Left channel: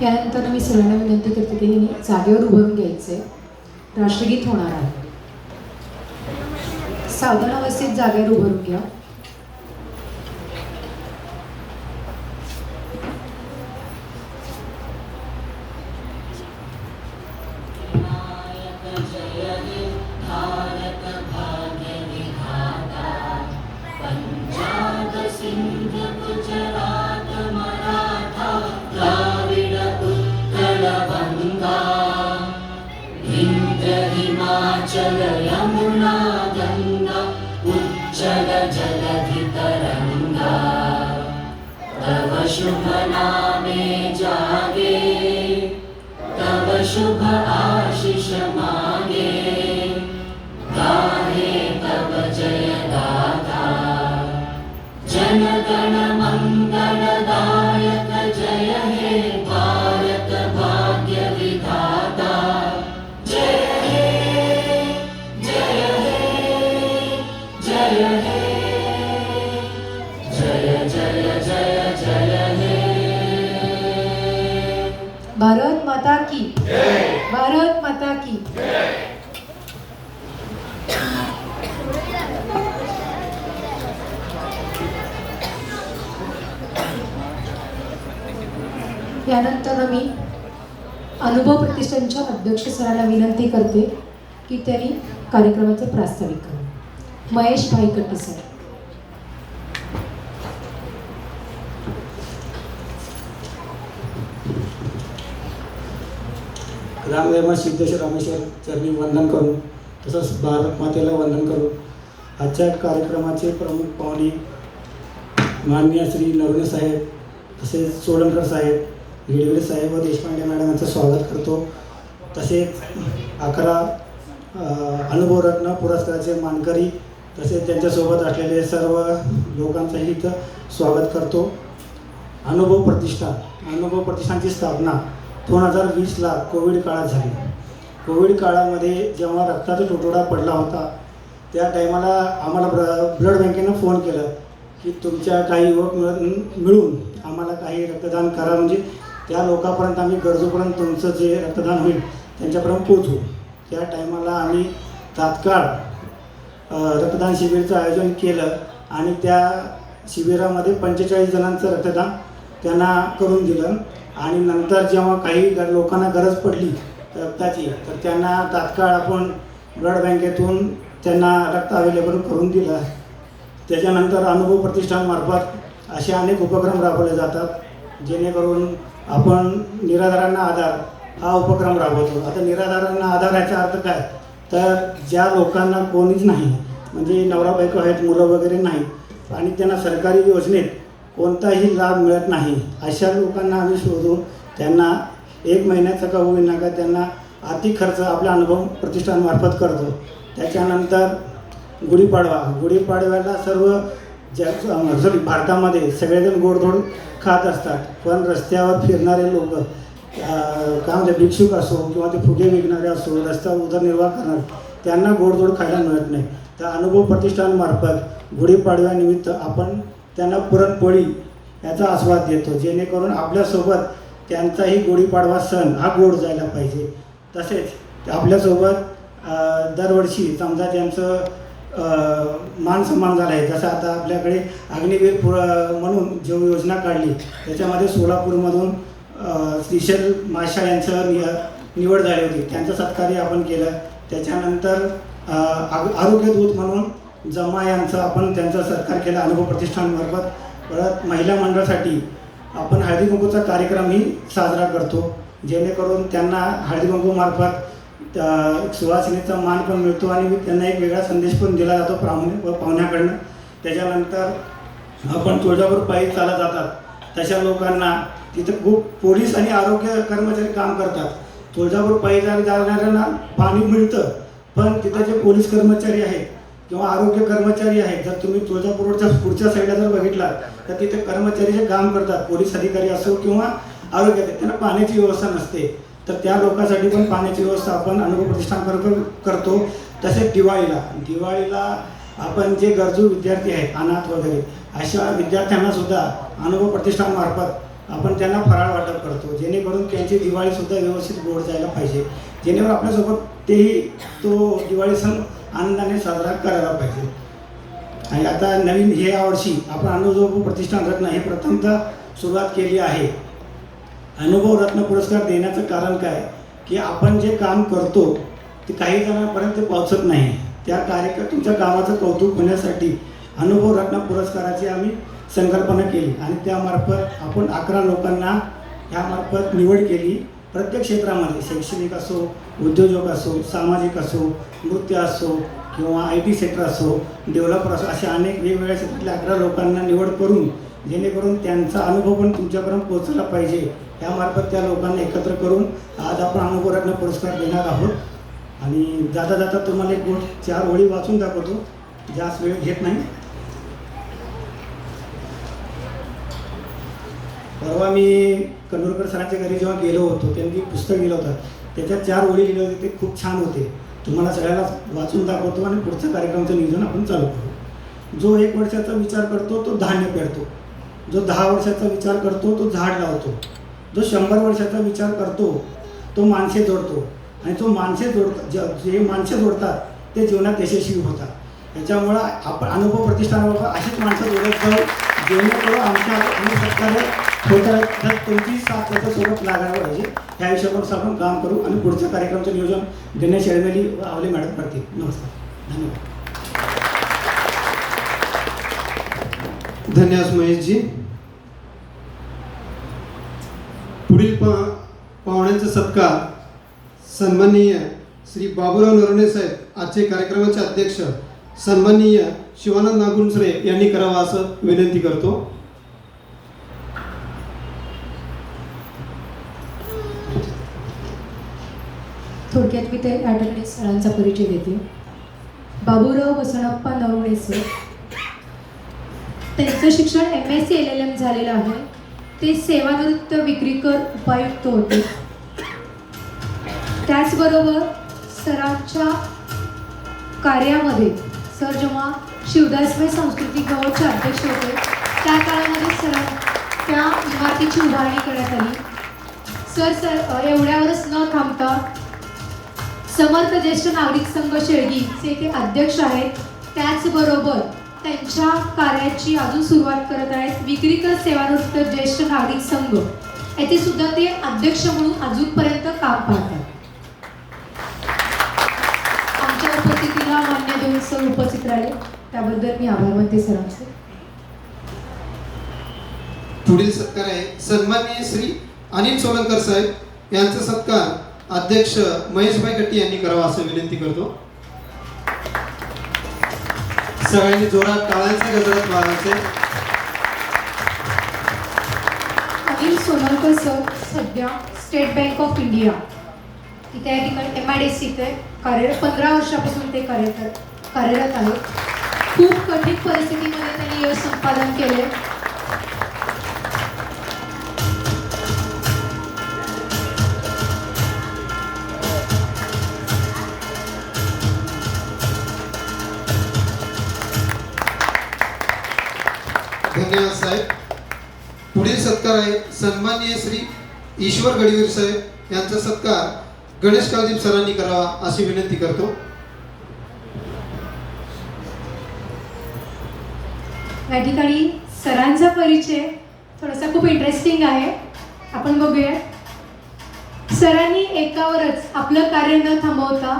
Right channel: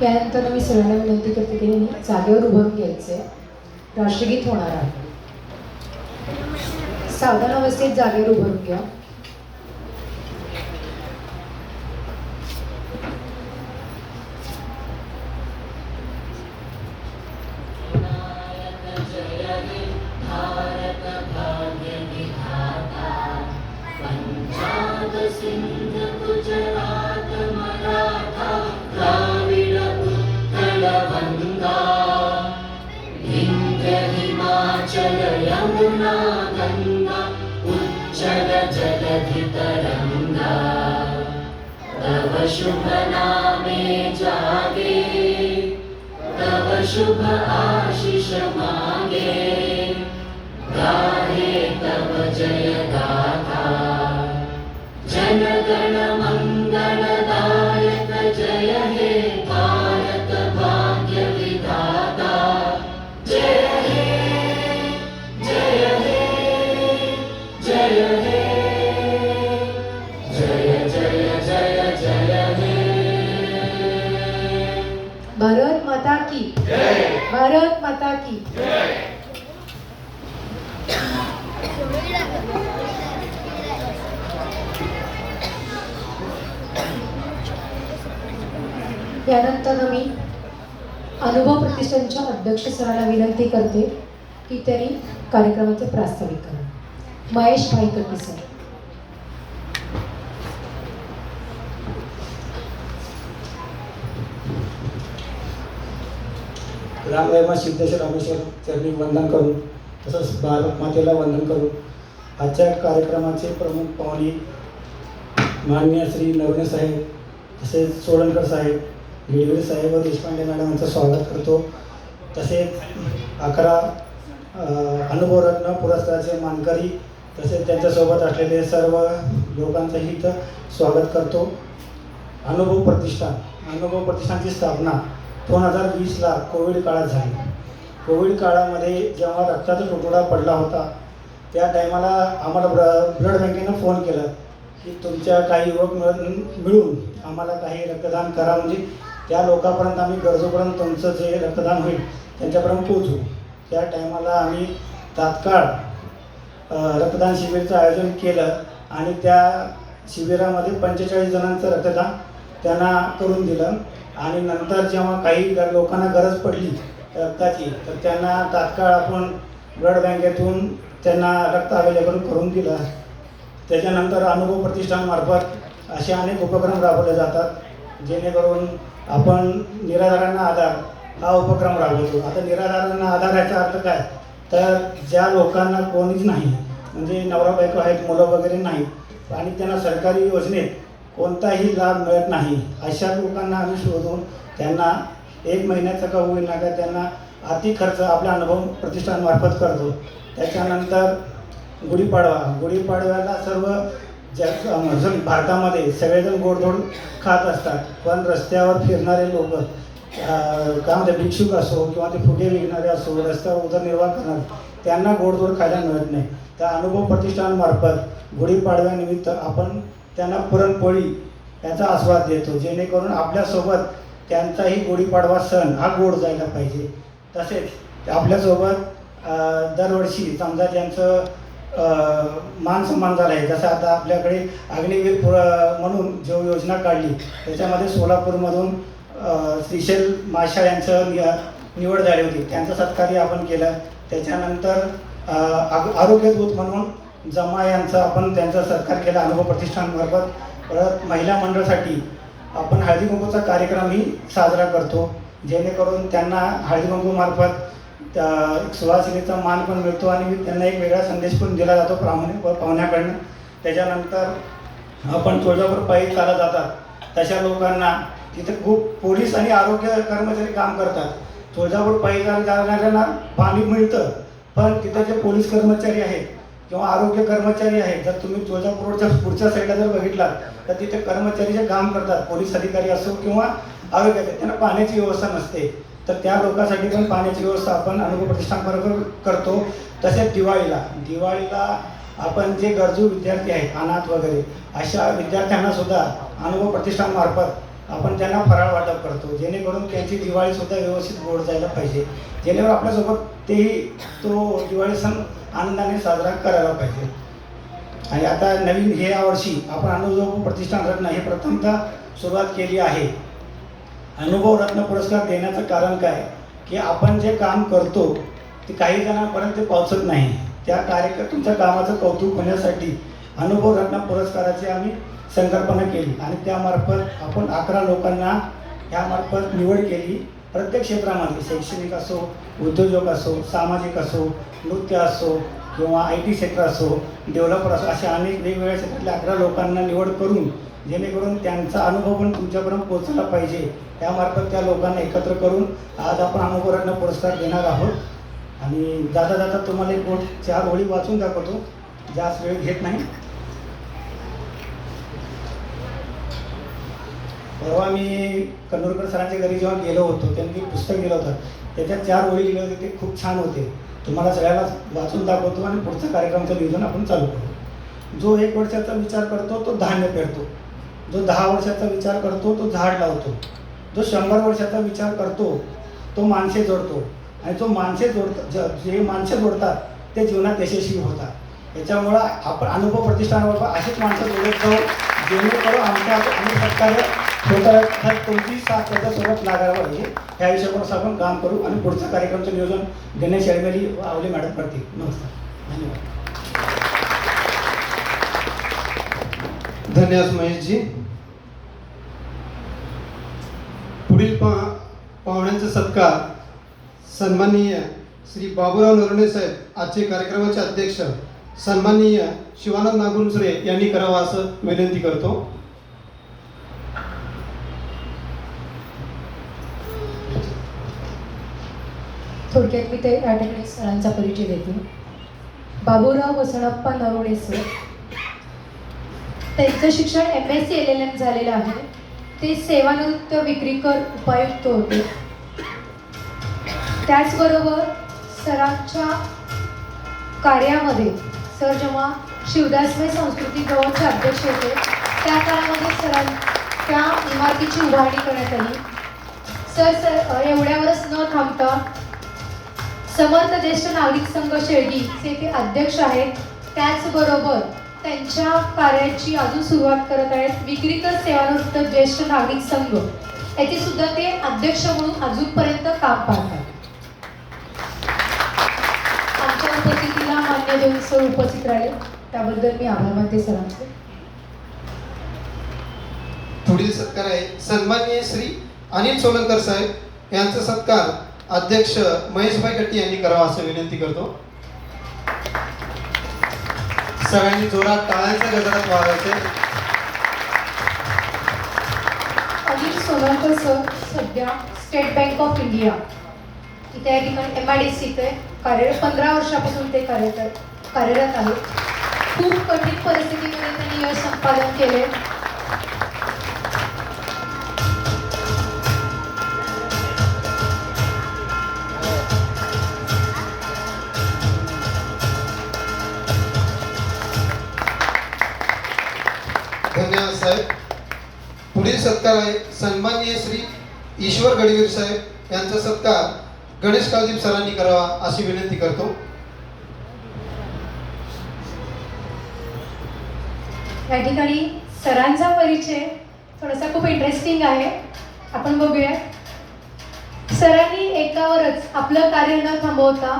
त्यानंतर मी सर्वांना विनंती करते की जागेवर उभारून घ्यायचे. राष्ट्रगीत होणार आहे. सावधान अवस्थेत जागेवर उभारून घ्या. यमुना गंगा उज्जल जलधि तरंगा तव शुभ नामे जागे तव शुभ आशीष मागे गाहे तव जय गाथा जन गण मंगलदायक जय हे भारत भाग्य विधाता भारत माता की जय. भारत माता की जय. त्यानंतर मी अनुभव प्रतिष्ठानच्या अध्यक्ष सरांना विनंती करते की त्यांनी कार्यक्रमाचे प्रास्ताविक करा. महेश भाई कट्टे सर. रामदेव सिद्धेश्वर रामेश्वर चरणी वंदन करून तसंच भारत मातेला वंदन करून आजच्या कार्यक्रमाचे प्रमुख पाहुणे माननीय श्री नवरे साहेब तसेच सोळंकर साहेब, गिडगडे साहेब व देशपांडे मॅडम यांचं स्वागत करतो. तसेच 11 अनुभवरत्न पुरस्काराचे मानकरी तसेच त्यांच्यासोबत असलेले सर्व लोकांचंही इथं स्वागत करतो. अनुभव प्रतिष्ठानची स्थापना 2020ला कोविड काळात झाली. कोविड काळामध्ये जेव्हा रक्ताचा तुटवडा पडला होता त्या टायमाला आम्हाला ब्लड बँकेनं फोन केलं की तुमच्या काही युवक मिळून आम्हाला काही रक्तदान करा, म्हणजे त्या लोकांपर्यंत आम्ही गरजूपर्यंत तुमचं जे रक्तदान होईल त्यांच्यापर्यंत पोहोचू. त्या टायमाला आम्ही तात्काळ रक्तदान शिबिराचं आयोजन केलं आणि त्या शिबिरामध्ये 45 जणांचं रक्तदान त्यांना करून दिलं. आणि नंतर जेव्हा काही लोकांना गरज पडली रक्ताची तर त्यांना तात्काळ आपण ब्लड बँकेतून त्यांना रक्त अवेलेबल करून दिलं. त्याच्यानंतर अनुभव प्रतिष्ठानमार्फत असे अनेक उपक्रम राबवले जातात जेणेकरून आपण निराधारांना आधार हा उपक्रम राबवतो. आता निराधारांना आधार याचा अर्थ काय, तर ज्या लोकांना कोणीच नाही, म्हणजे नवरा बायको आहेत, मुलं वगैरे नाही आणि त्यांना सरकारी योजनेत कोणताही लाभ मिळत नाही, अशा लोकांना आम्ही शोधून त्यांना 1 महिन्याचा का होईना का त्यांना आर्थिक खर्च आपल्या अनुभव प्रतिष्ठानमार्फत करतो. त्याच्यानंतर गुढीपाडव्याला सर्व भारतामध्ये सगळेजण गोडधोड खात असतात, पण रस्त्यावर फिरणारे लोक काय म्हणतात भिक्षुक असो किंवा ते फुगे विकणारे असो, रस्त्यावर उदरनिर्वाह करणारे त्यांना गोडधोड खायला मिळत नाही. तर अनुभव प्रतिष्ठानमार्फत गुढीपाडव्यानिमित्त आपण त्यांना पुरणपोळी याचा आस्वाद देतो जेणेकरून आपल्यासोबत त्यांचाही गुढीपाडवा सण हा गोड जायला पाहिजे. तसेच आपल्यासोबत दरवर्षी समजा त्यांचं मान सन्मान झाला आहे. जसं आता आपल्याकडे अग्निवीर म्हणून जो योजना काढली त्याच्यामध्ये सोलापूरमधून श्रीशैल माशाळ यांचं निवड झाली होती. त्यांचा सत्कारही आपण केला. त्याच्यानंतर आरोग्य दूत म्हणून जमा यांचा आपण त्यांचा सत्कार केला अनुभव प्रतिष्ठानमार्फत. परत महिला मंडळासाठी आपण हळदी कुंकूचा कार्यक्रमही साजरा करतो, जेणेकरून त्यांना हळदी कुंकूमार्फत त्या सुवासिनीचा मान पण मिळतो आणि त्यांना एक वेगळा संदेश पण दिला जातो पाहुण्याकडनं. त्याच्यानंतर आपण तुळजापूर पायी चालत जातात तशा लोकांना तिथं खूप पोलीस आणि आरोग्य कर्मचारी काम करतात. तुळजापूर पायी जाणाऱ्यांना पाणी मिळतं, पण तिथं जे पोलीस कर्मचारी आहेत किंवा आरोग्य कर्मचारी आहेत, जर तुम्ही तुळजापूर रोडच्या पुढच्या साईडला जर बघितला तर तिथे कर्मचारी जे काम करतात, पोलीस अधिकारी असो किंवा आरोग्य, त्यांना पाण्याची व्यवस्था नसते. तर त्या लोकांसाठी पण पाण्याची व्यवस्था आपण अनुभव प्रतिष्ठानमार्फत करतो. तसेच दिवाळीला आपण जे गरजू विद्यार्थी आहेत, अनाथ वगैरे, अशा विद्यार्थ्यांना सुद्धा अनुभव प्रतिष्ठानमार्फत आपण त्यांना फराळ वाटप करतो, जेणेकरून त्यांची दिवाळीसुद्धा व्यवस्थित गोड जायला पाहिजे, जेणेकरून आपल्यासोबत तेही तो दिवाळी सण आनंदाने साजरा करायला पाहिजे. आणि आता नवीन या वर्षी आपण अनुभव प्रतिष्ठान रत्न हे प्रथमतः सुरुवात केली आहे. अनुभव रत्न पुरस्कार देण्याचं कारण काय की आपण जे काम करतो ते काही जणांपर्यंत पोहोचत नाही. त्या तुमच्या कामाचं कौतुक होण्यासाठी अनुभव रत्न पुरस्काराची आम्ही संकल्पना केली आणि त्यामार्फत आपण 11 लोकांना यामार्फत निवड केली. प्रत्येक क्षेत्रामध्ये शैक्षणिक असो, उद्योजक असो, सामाजिक असो, नृत्य असो किंवा IT सेक्टर असो, डेव्हलपर असो, अशा अनेक वेगवेगळ्या क्षेत्रातल्या 11 लोकांना निवड करून जेणेकरून त्यांचा अनुभव पण तुमच्यापर्यंत पोहोचला पाहिजे, त्यामार्फत त्या लोकांना एकत्र करून आज आपण अनुभव रत्न पुरस्कार देणार आहोत. आणि जाता जाता तुम्हाला एक 4 ओळी वाचून दाखवतो, जास्त वेळ घेत नाही. परवा मी कन्नूरकर सरांच्या घरी जेव्हा गेलो होतो, त्यांनी पुस्तक दिलं होतं, त्याच्यात 4 ओळी लिहिले होते, ते खूप छान होते. तुम्हाला सगळ्यांना वाचून दाखवतो आणि पुढचं कार्यक्रमाचं नियोजन आपण चालू करू. जो 1 वर्षाचा विचार करतो तो धान्य पेरतो, जो 10 वर्षाचा विचार करतो तो झाड लावतो, जो 100 वर्षाचा विचार करतो तो माणसे जोडतो आणि जो जे माणसे जोडतात ते जीवनात यशस्वी होतात. त्याच्यामुळं आपण अनुभव प्रतिष्ठानावर अशीच माणसं जोडत जाऊ, जेणेकरून आमच्या अनेक सरकार होतात कोणतीही साथ त्याच्यासोबत लागायला पाहिजे. ह्या विषयावर आपण काम करू आणि पुढच्या कार्यक्रमाचं नियोजन गणेश शेळमेली व आवले मॅडम करतील. नमस्कार, धन्यवाद. धन्यवाद महेशजी. पुढील पाहुण्यांचा सत्कार सन्माननीय श्री बाबूराव नरवणे साहेब, आजचे कार्यक्रमाचे अध्यक्ष सन्माननीय शिवानंद नागुनसरे यांनी करावा असं विनंती करतो. थोडक्यात मी ते आठवणे सरांचा परिचय देते. बाबूराव वसणप्पा नरवणे सर, त्यांचं शिक्षण MSc LLM झालेलं आहे. ते सेवानिवृत्त विक्रीकर उपायुक्त होते. त्याचबरोबर सरांच्या कार्यामध्ये सर जेव्हा शिवदासबाई सांस्कृतिक गौरवचे अध्यक्ष होते त्या काळामध्ये सरांच्या इमारतीची उभारणी करण्यात आली. सर एवढ्यावरच न थांबता समर्थ ज्येष्ठ नागरिक संघ शेळगीचे ते अध्यक्ष आहेत. त्याचबरोबर त्यांच्या कार्याची अजून सुरुवात करत आहेत विक्रीकर सेवानिवृत्त ज्येष्ठ नागरिक संघ, याचे सुद्धा ते अध्यक्ष म्हणून अजूनपर्यंत काम पाहतात. आमच्या उपस्थितीला मान्य देऊन सर उपस्थित राहिले त्याबद्दल मी आभार मानते सरांचे. पुढील सत्कार आहे सन्माननीय श्री अनिल सोलंकर साहेब यांचा सत्कार अध्यक्ष महेशभाई कट्टी यांनी करावा असं विनंती करतो. सगळ्यांनी जोरात टाळ्यांचे गजरात वाजवायचे. अनिल सोलंकर सर सध्या स्टेट बँक ऑफ इंडिया त्या ठिकाणी MIDC कार्यरत 15 वर्षापासून ते कार्यरत आहे. खूप कठीण परिस्थितीमध्ये त्यांनी यश संपादन केले. धन्यवाद साहेब. पुढील सत्कार आहे सन्माननीय श्री ईश्वर गडवीर साहेब यांचा सत्कार गणेश काळदीप सरांनी करावा अशी विनंती करतो. या ठिकाणी सरांचा परिचय थोडासा खूप इंटरेस्टिंग आहे, आपण बघूया. सरांनी एकावरच आपलं कार्य न थांबवता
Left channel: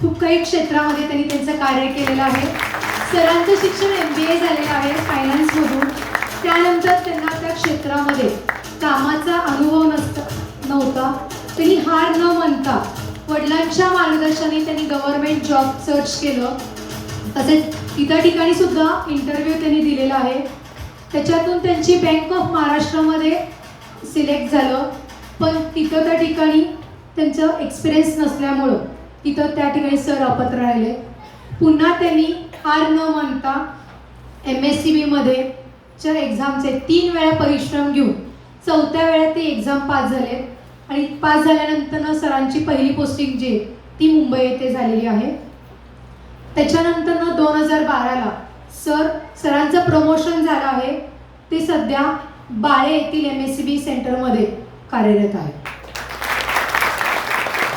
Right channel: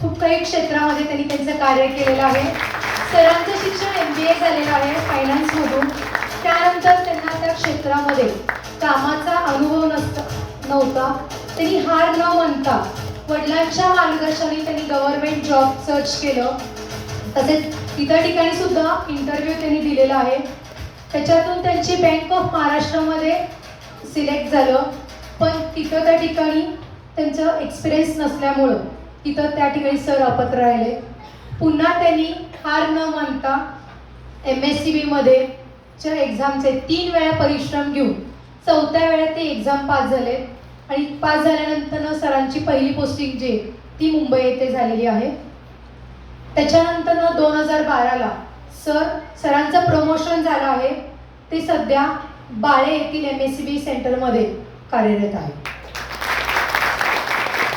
खूप काही क्षेत्रामध्ये त्यांनी त्यांचं कार्य केलेलं आहे. सरांचं शिक्षण MBA झालेलं आहे फायनान्समधून. त्यानंतर त्यांना त्या क्षेत्रामध्ये कामाचा अनुभव नव्हता. त्यांनी हार न मानता वडिलांच्या मार्गदर्शनाने त्यांनी गव्हर्नमेंट जॉब सर्च केलं. तसेच इतर ठिकाणी सुद्धा इंटरव्ह्यू त्यांनी दिलेला आहे. त्याच्यातून त्यांची बँक ऑफ महाराष्ट्रामध्ये सिलेक्ट झालं, पण तिथं त्या ठिकाणी त्यांचं एक्सपिरियन्स नसल्यामुळं तिथं त्या ठिकाणी सर अपात्र राहिले. पुन्हा त्यांनी हार न मानता MSCB च्या एक्झामचे 3 वेळा परिश्रम घेऊन 4थ्या वेळा ते एक्झाम पास झाले आणि पास झाल्यानंतर सरांची पहिली पोस्टिंग जी ती मुंबई येथे झालेली आहे. त्याच्यानंतर 2012ला सरांचं प्रमोशन झालं आहे. ते सध्या बाळे येथील MSCB सेंटरमध्ये कार्यरत आहे.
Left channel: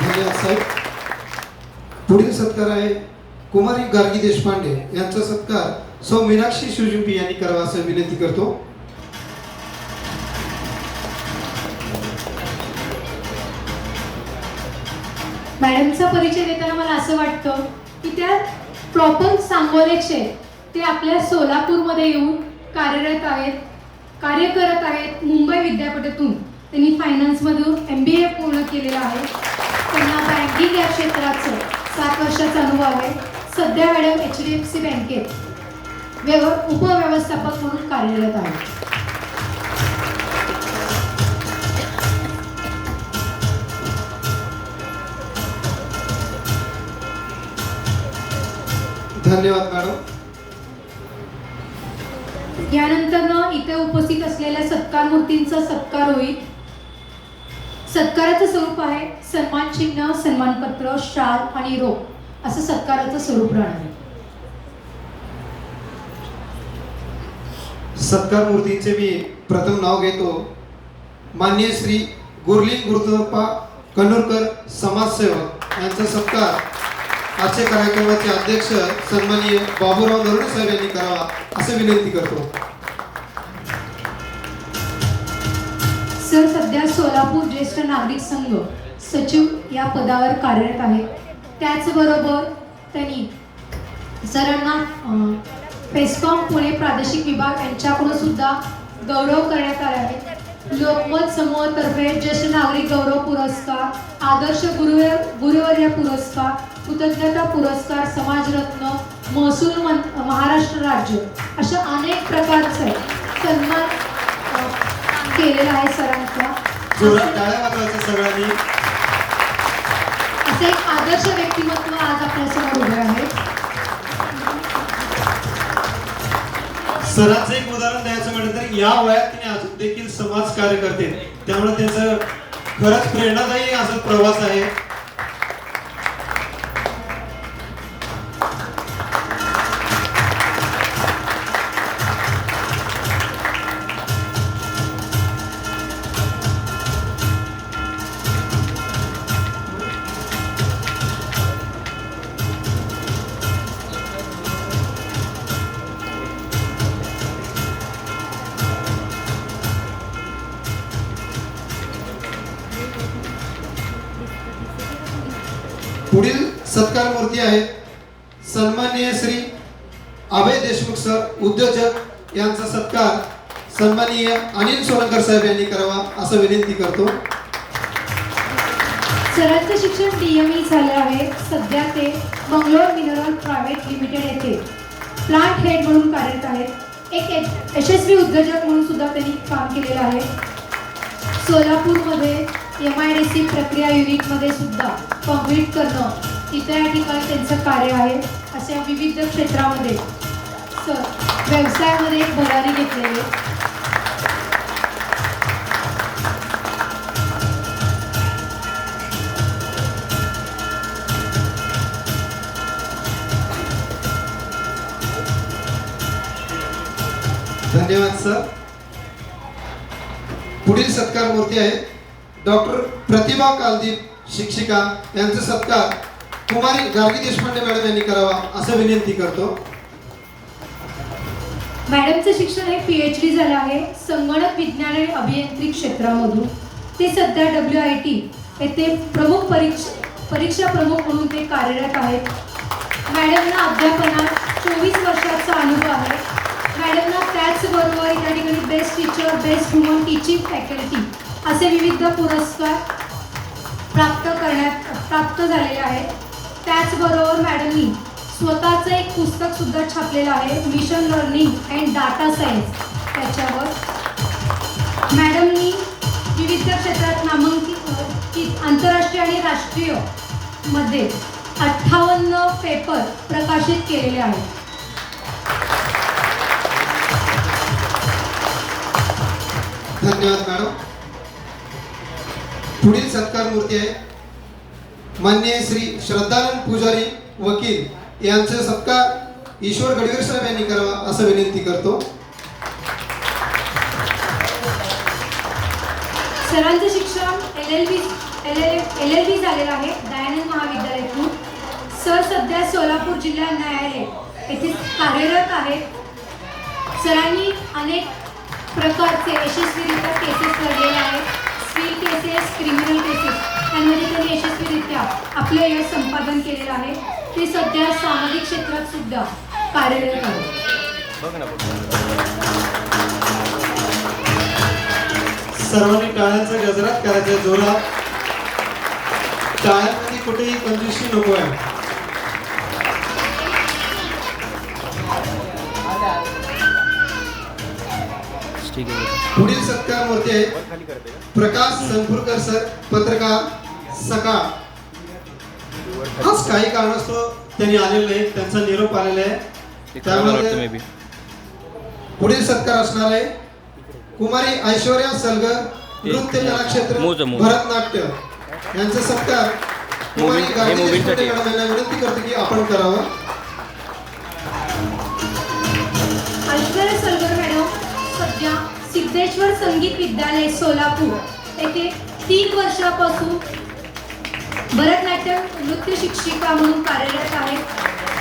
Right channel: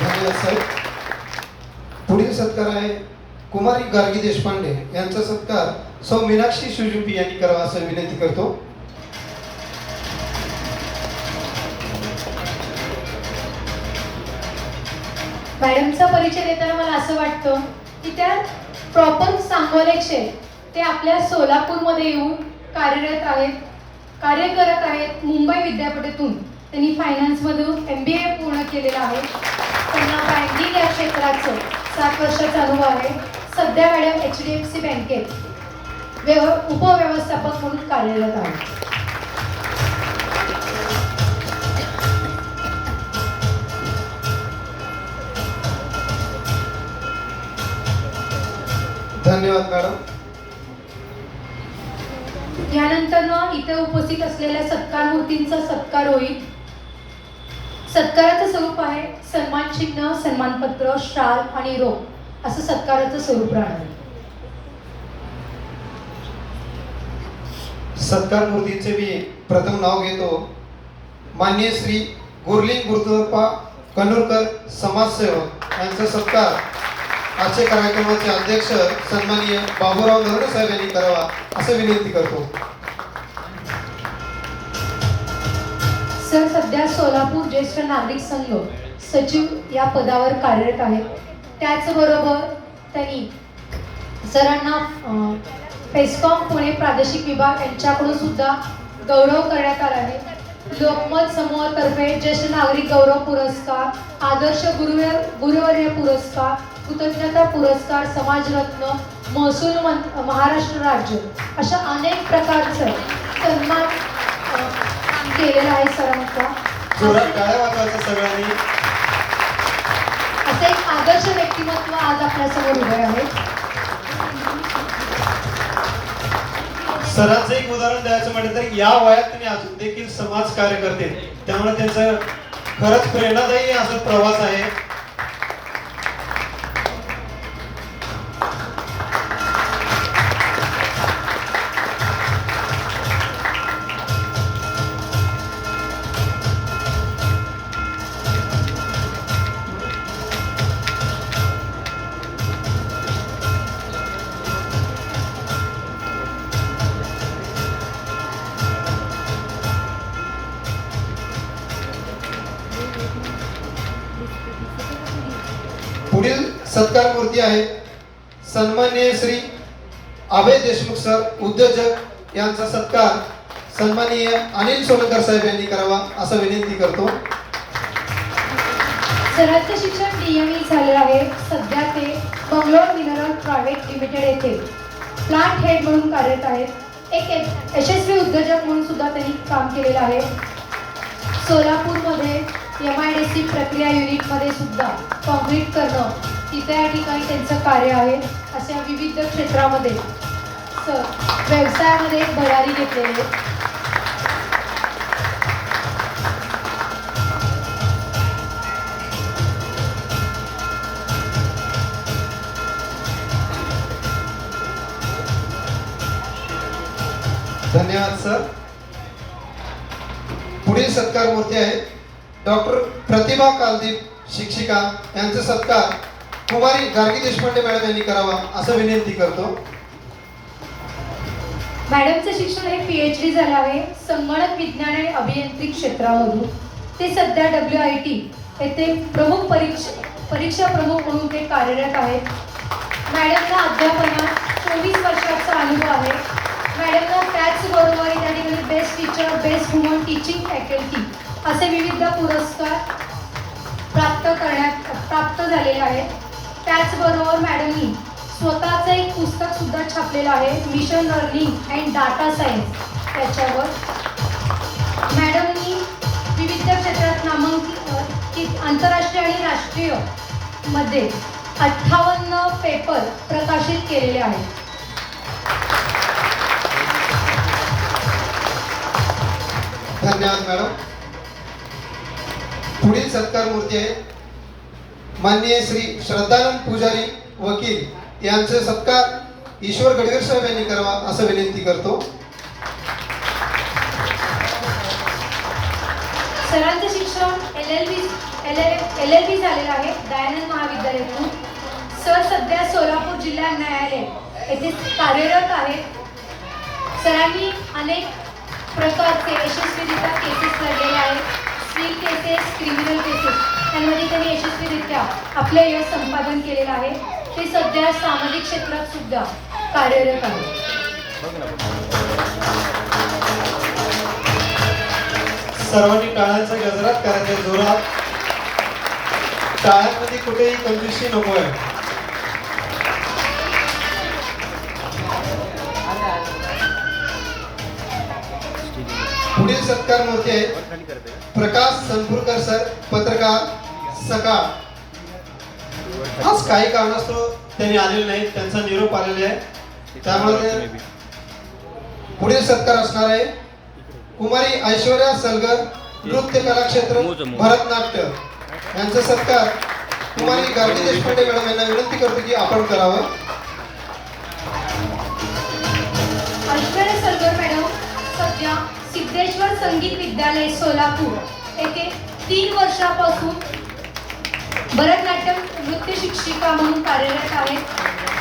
धन्यवाद साहेब. पुढील सत्कार आहे कुमारी गार्गी देशपांडे यांचा सत्कार सौ मीनाक्षी शिवजिंपी यांनी करावा असं विनंती करतो. मॅडमचा परिचय देताना मला असं वाटतं की त्या प्रॉपर सांगोलेचे ते आपल्या सोलापूरमध्ये येऊन कार्य करत आहेत. मुंबई विद्यापीठातून त्यांनी फायनान्समधून MBA पूर्ण केलेलं आहे. त्यांना बँकिंग या क्षेत्राचं 7 वर्षाचा अनुभव आहे. सध्या मॅडम HDFC बँकेत उपव्यवस्थापक म्हणून कार्यरत आहे. धन्यवाद मॅडम. यानंतर इथे उपस्थित असलेल्या सत्कार मूर्तींचा सत्कार होईल. सत्काराचं स्वरूप आहे सन्मान चिन्ह, सन्मानपत्र, शाल आणि रोख असं सत्काराचं स्वरूप राहणार. सत्कार मूर्तीचे मी प्रथम नाव घेतो. माननीय श्री गुरलिंग गुरुदप्पा कन्नूरकर समाजसेवक यांचा सत्कार आजच्या कार्यक्रमाचे अध्यक्ष सन्माननीय बाबूराव नरवणे साहेब यांनी करावा असं विनंती करतो. सर सध्या सोलापूर ज्येष्ठ नागरिक संघ सचिव या पदावर कार्यरत आहेत. त्याचबरोबर त्यांनी सरांना पेस्कॉम पुणे प्रादेशिक विभाग यांच्याकडून सुद्धा गौरव करण्यात आला आहे. लोकमत समूहातर्फे ज्येष्ठ नागरिक गौरव पुरस्कार, आदर्श गुरुवर्य पुरस्कार, कृतज्ञता पुरस्कार, समाजरत्न, महसूल महाराष्ट्र राज्य अशा अनेक प्रकारचे सन्मान केलेला आहे सरांचा. सगळ्यांनी असे एक आदर्श व्यक्तिमत्व आज आपल्यासमोर उभे आहे. सरांचं एक उदाहरण द्यायचं म्हटलं तर या वयात त्यांनी अजून देखील समाज कार्य करते. त्यामुळे त्यांचं खरंच प्रेरणादायी असा प्रवास आहे. पुढील सत्कार मूर्ती आहे सन्माननीय श्री अभय देशमुख सर उद्योजक यांचा सत्कार सन्माननीय अनिल सोलंकर साहेब यांनी करावा असं विनंती करतो. सरांचं शिक्षण DME झाले आहे. सध्या ते बंगलोर मिनरल प्रायव्हेट लिमिटेड येथे प्लांट हेड म्हणून कार्यरत आहेत. एक यशस्वी उद्योजक म्हणून सुद्धा त्यांनी काम केलेलं आहे. सोलापूरमध्ये MIDC प्रक्रिया युनिटमध्ये सुद्धा कॉन्क्रीट करणं तिथे या ठिकाणी त्यांचं कार्य आहे. अशा विविध क्षेत्रामध्ये व्यवसायामध्ये एक भरारी घेतलेली आहे. धन्यवाद सर. पुढील सत्कार मूर्ती आहे डॉक्टर प्रतिभा कालदीप शिक्षिका यांचा सत्कार कुमारी गार्गी देशपांडे मॅडम यांनी करावा असं विनंती करतो. मॅडमचं शिक्षण हे PhD झालं आहे संगणक विज्ञान आणि अभियांत्रिक क्षेत्रामधून. ते सध्या WIT येथे परीक्षा प्रमुख म्हणून ते कार्यरत आहेत. मॅडमला अध्यापनात 24 वर्षाचा अनुभव आहे. मॅडमला त्याचबरोबर या ठिकाणी best teacher, best woman teaching faculty असे विविध पुरस्कार प्राप्त झालेले आहेत. त्याचबरोबर मॅडमनी स्वतःचं एक पुस्तक सुद्धा छापलेलं आहे, mission learning and data science. त्याच्यावर मॅडमनी विविध क्षेत्रात नामांकित आंतरराष्ट्रीय आणि राष्ट्रीय मध्ये 58 पेपर प्रकाशित केलेले आहेत. धन्यवाद मॅडम. पुढील सत्कार मूर्ती आहे माननीय श्री श्रद्धानंद पुजारी वकील यांचे सत्कार ईश्वर गडवीर साहेब यांनी करावा असं विनंती करतो. सरांचे शिक्षण LLB झालेलं आहे दयानंद महाविद्यालयातून. सर सध्या सोलापूर जिल्हा न्यायालय येथे कार्यरत आहेत. सरांनी अनेक प्रकारचे यशस्वीरित्या केसेस लढलेले आहेत. सिव्हिल केसेस, क्रिमिनल केसेस यामध्ये त्यांनी यशस्वीरित्या आपलं यश संपादन केलेलं आहे. ते सध्या सामाजिक क्षेत्रात सुद्धा कार्यरत आहेत. सर्वांनी टाळ्यांचे गजरात करायचे जोरात. टाळ्यांमध्ये कुठेही कंजूसी नको आहे. पुढील सत्कार मूर्ती आहे प्रकाश सनपुरकर सर, पत्रकार, सकाळ. आज काही कारणास्तव त्यांनी आलेले नाही, त्यांचा निरोप आलेला आहे. त्यामुळे पुढील सत्कार असणार आहे कुमारी ऐश्वर्या सलगर, नृत्य कला क्षेत्र, भरतनाट्य. यांचा सत्कार कुमारी गांधी देशपांडे मॅडम यांना विनंती करतो की आपण करावं. ऐश्वर्या सलगर मॅडम सध्या सिद्धेश्वर संगीत विद्यालय सोलापूर येथे 3 वर्षापासून भरतनाट्यम नृत्य शिक्षिका म्हणून कार्यरत आहेत.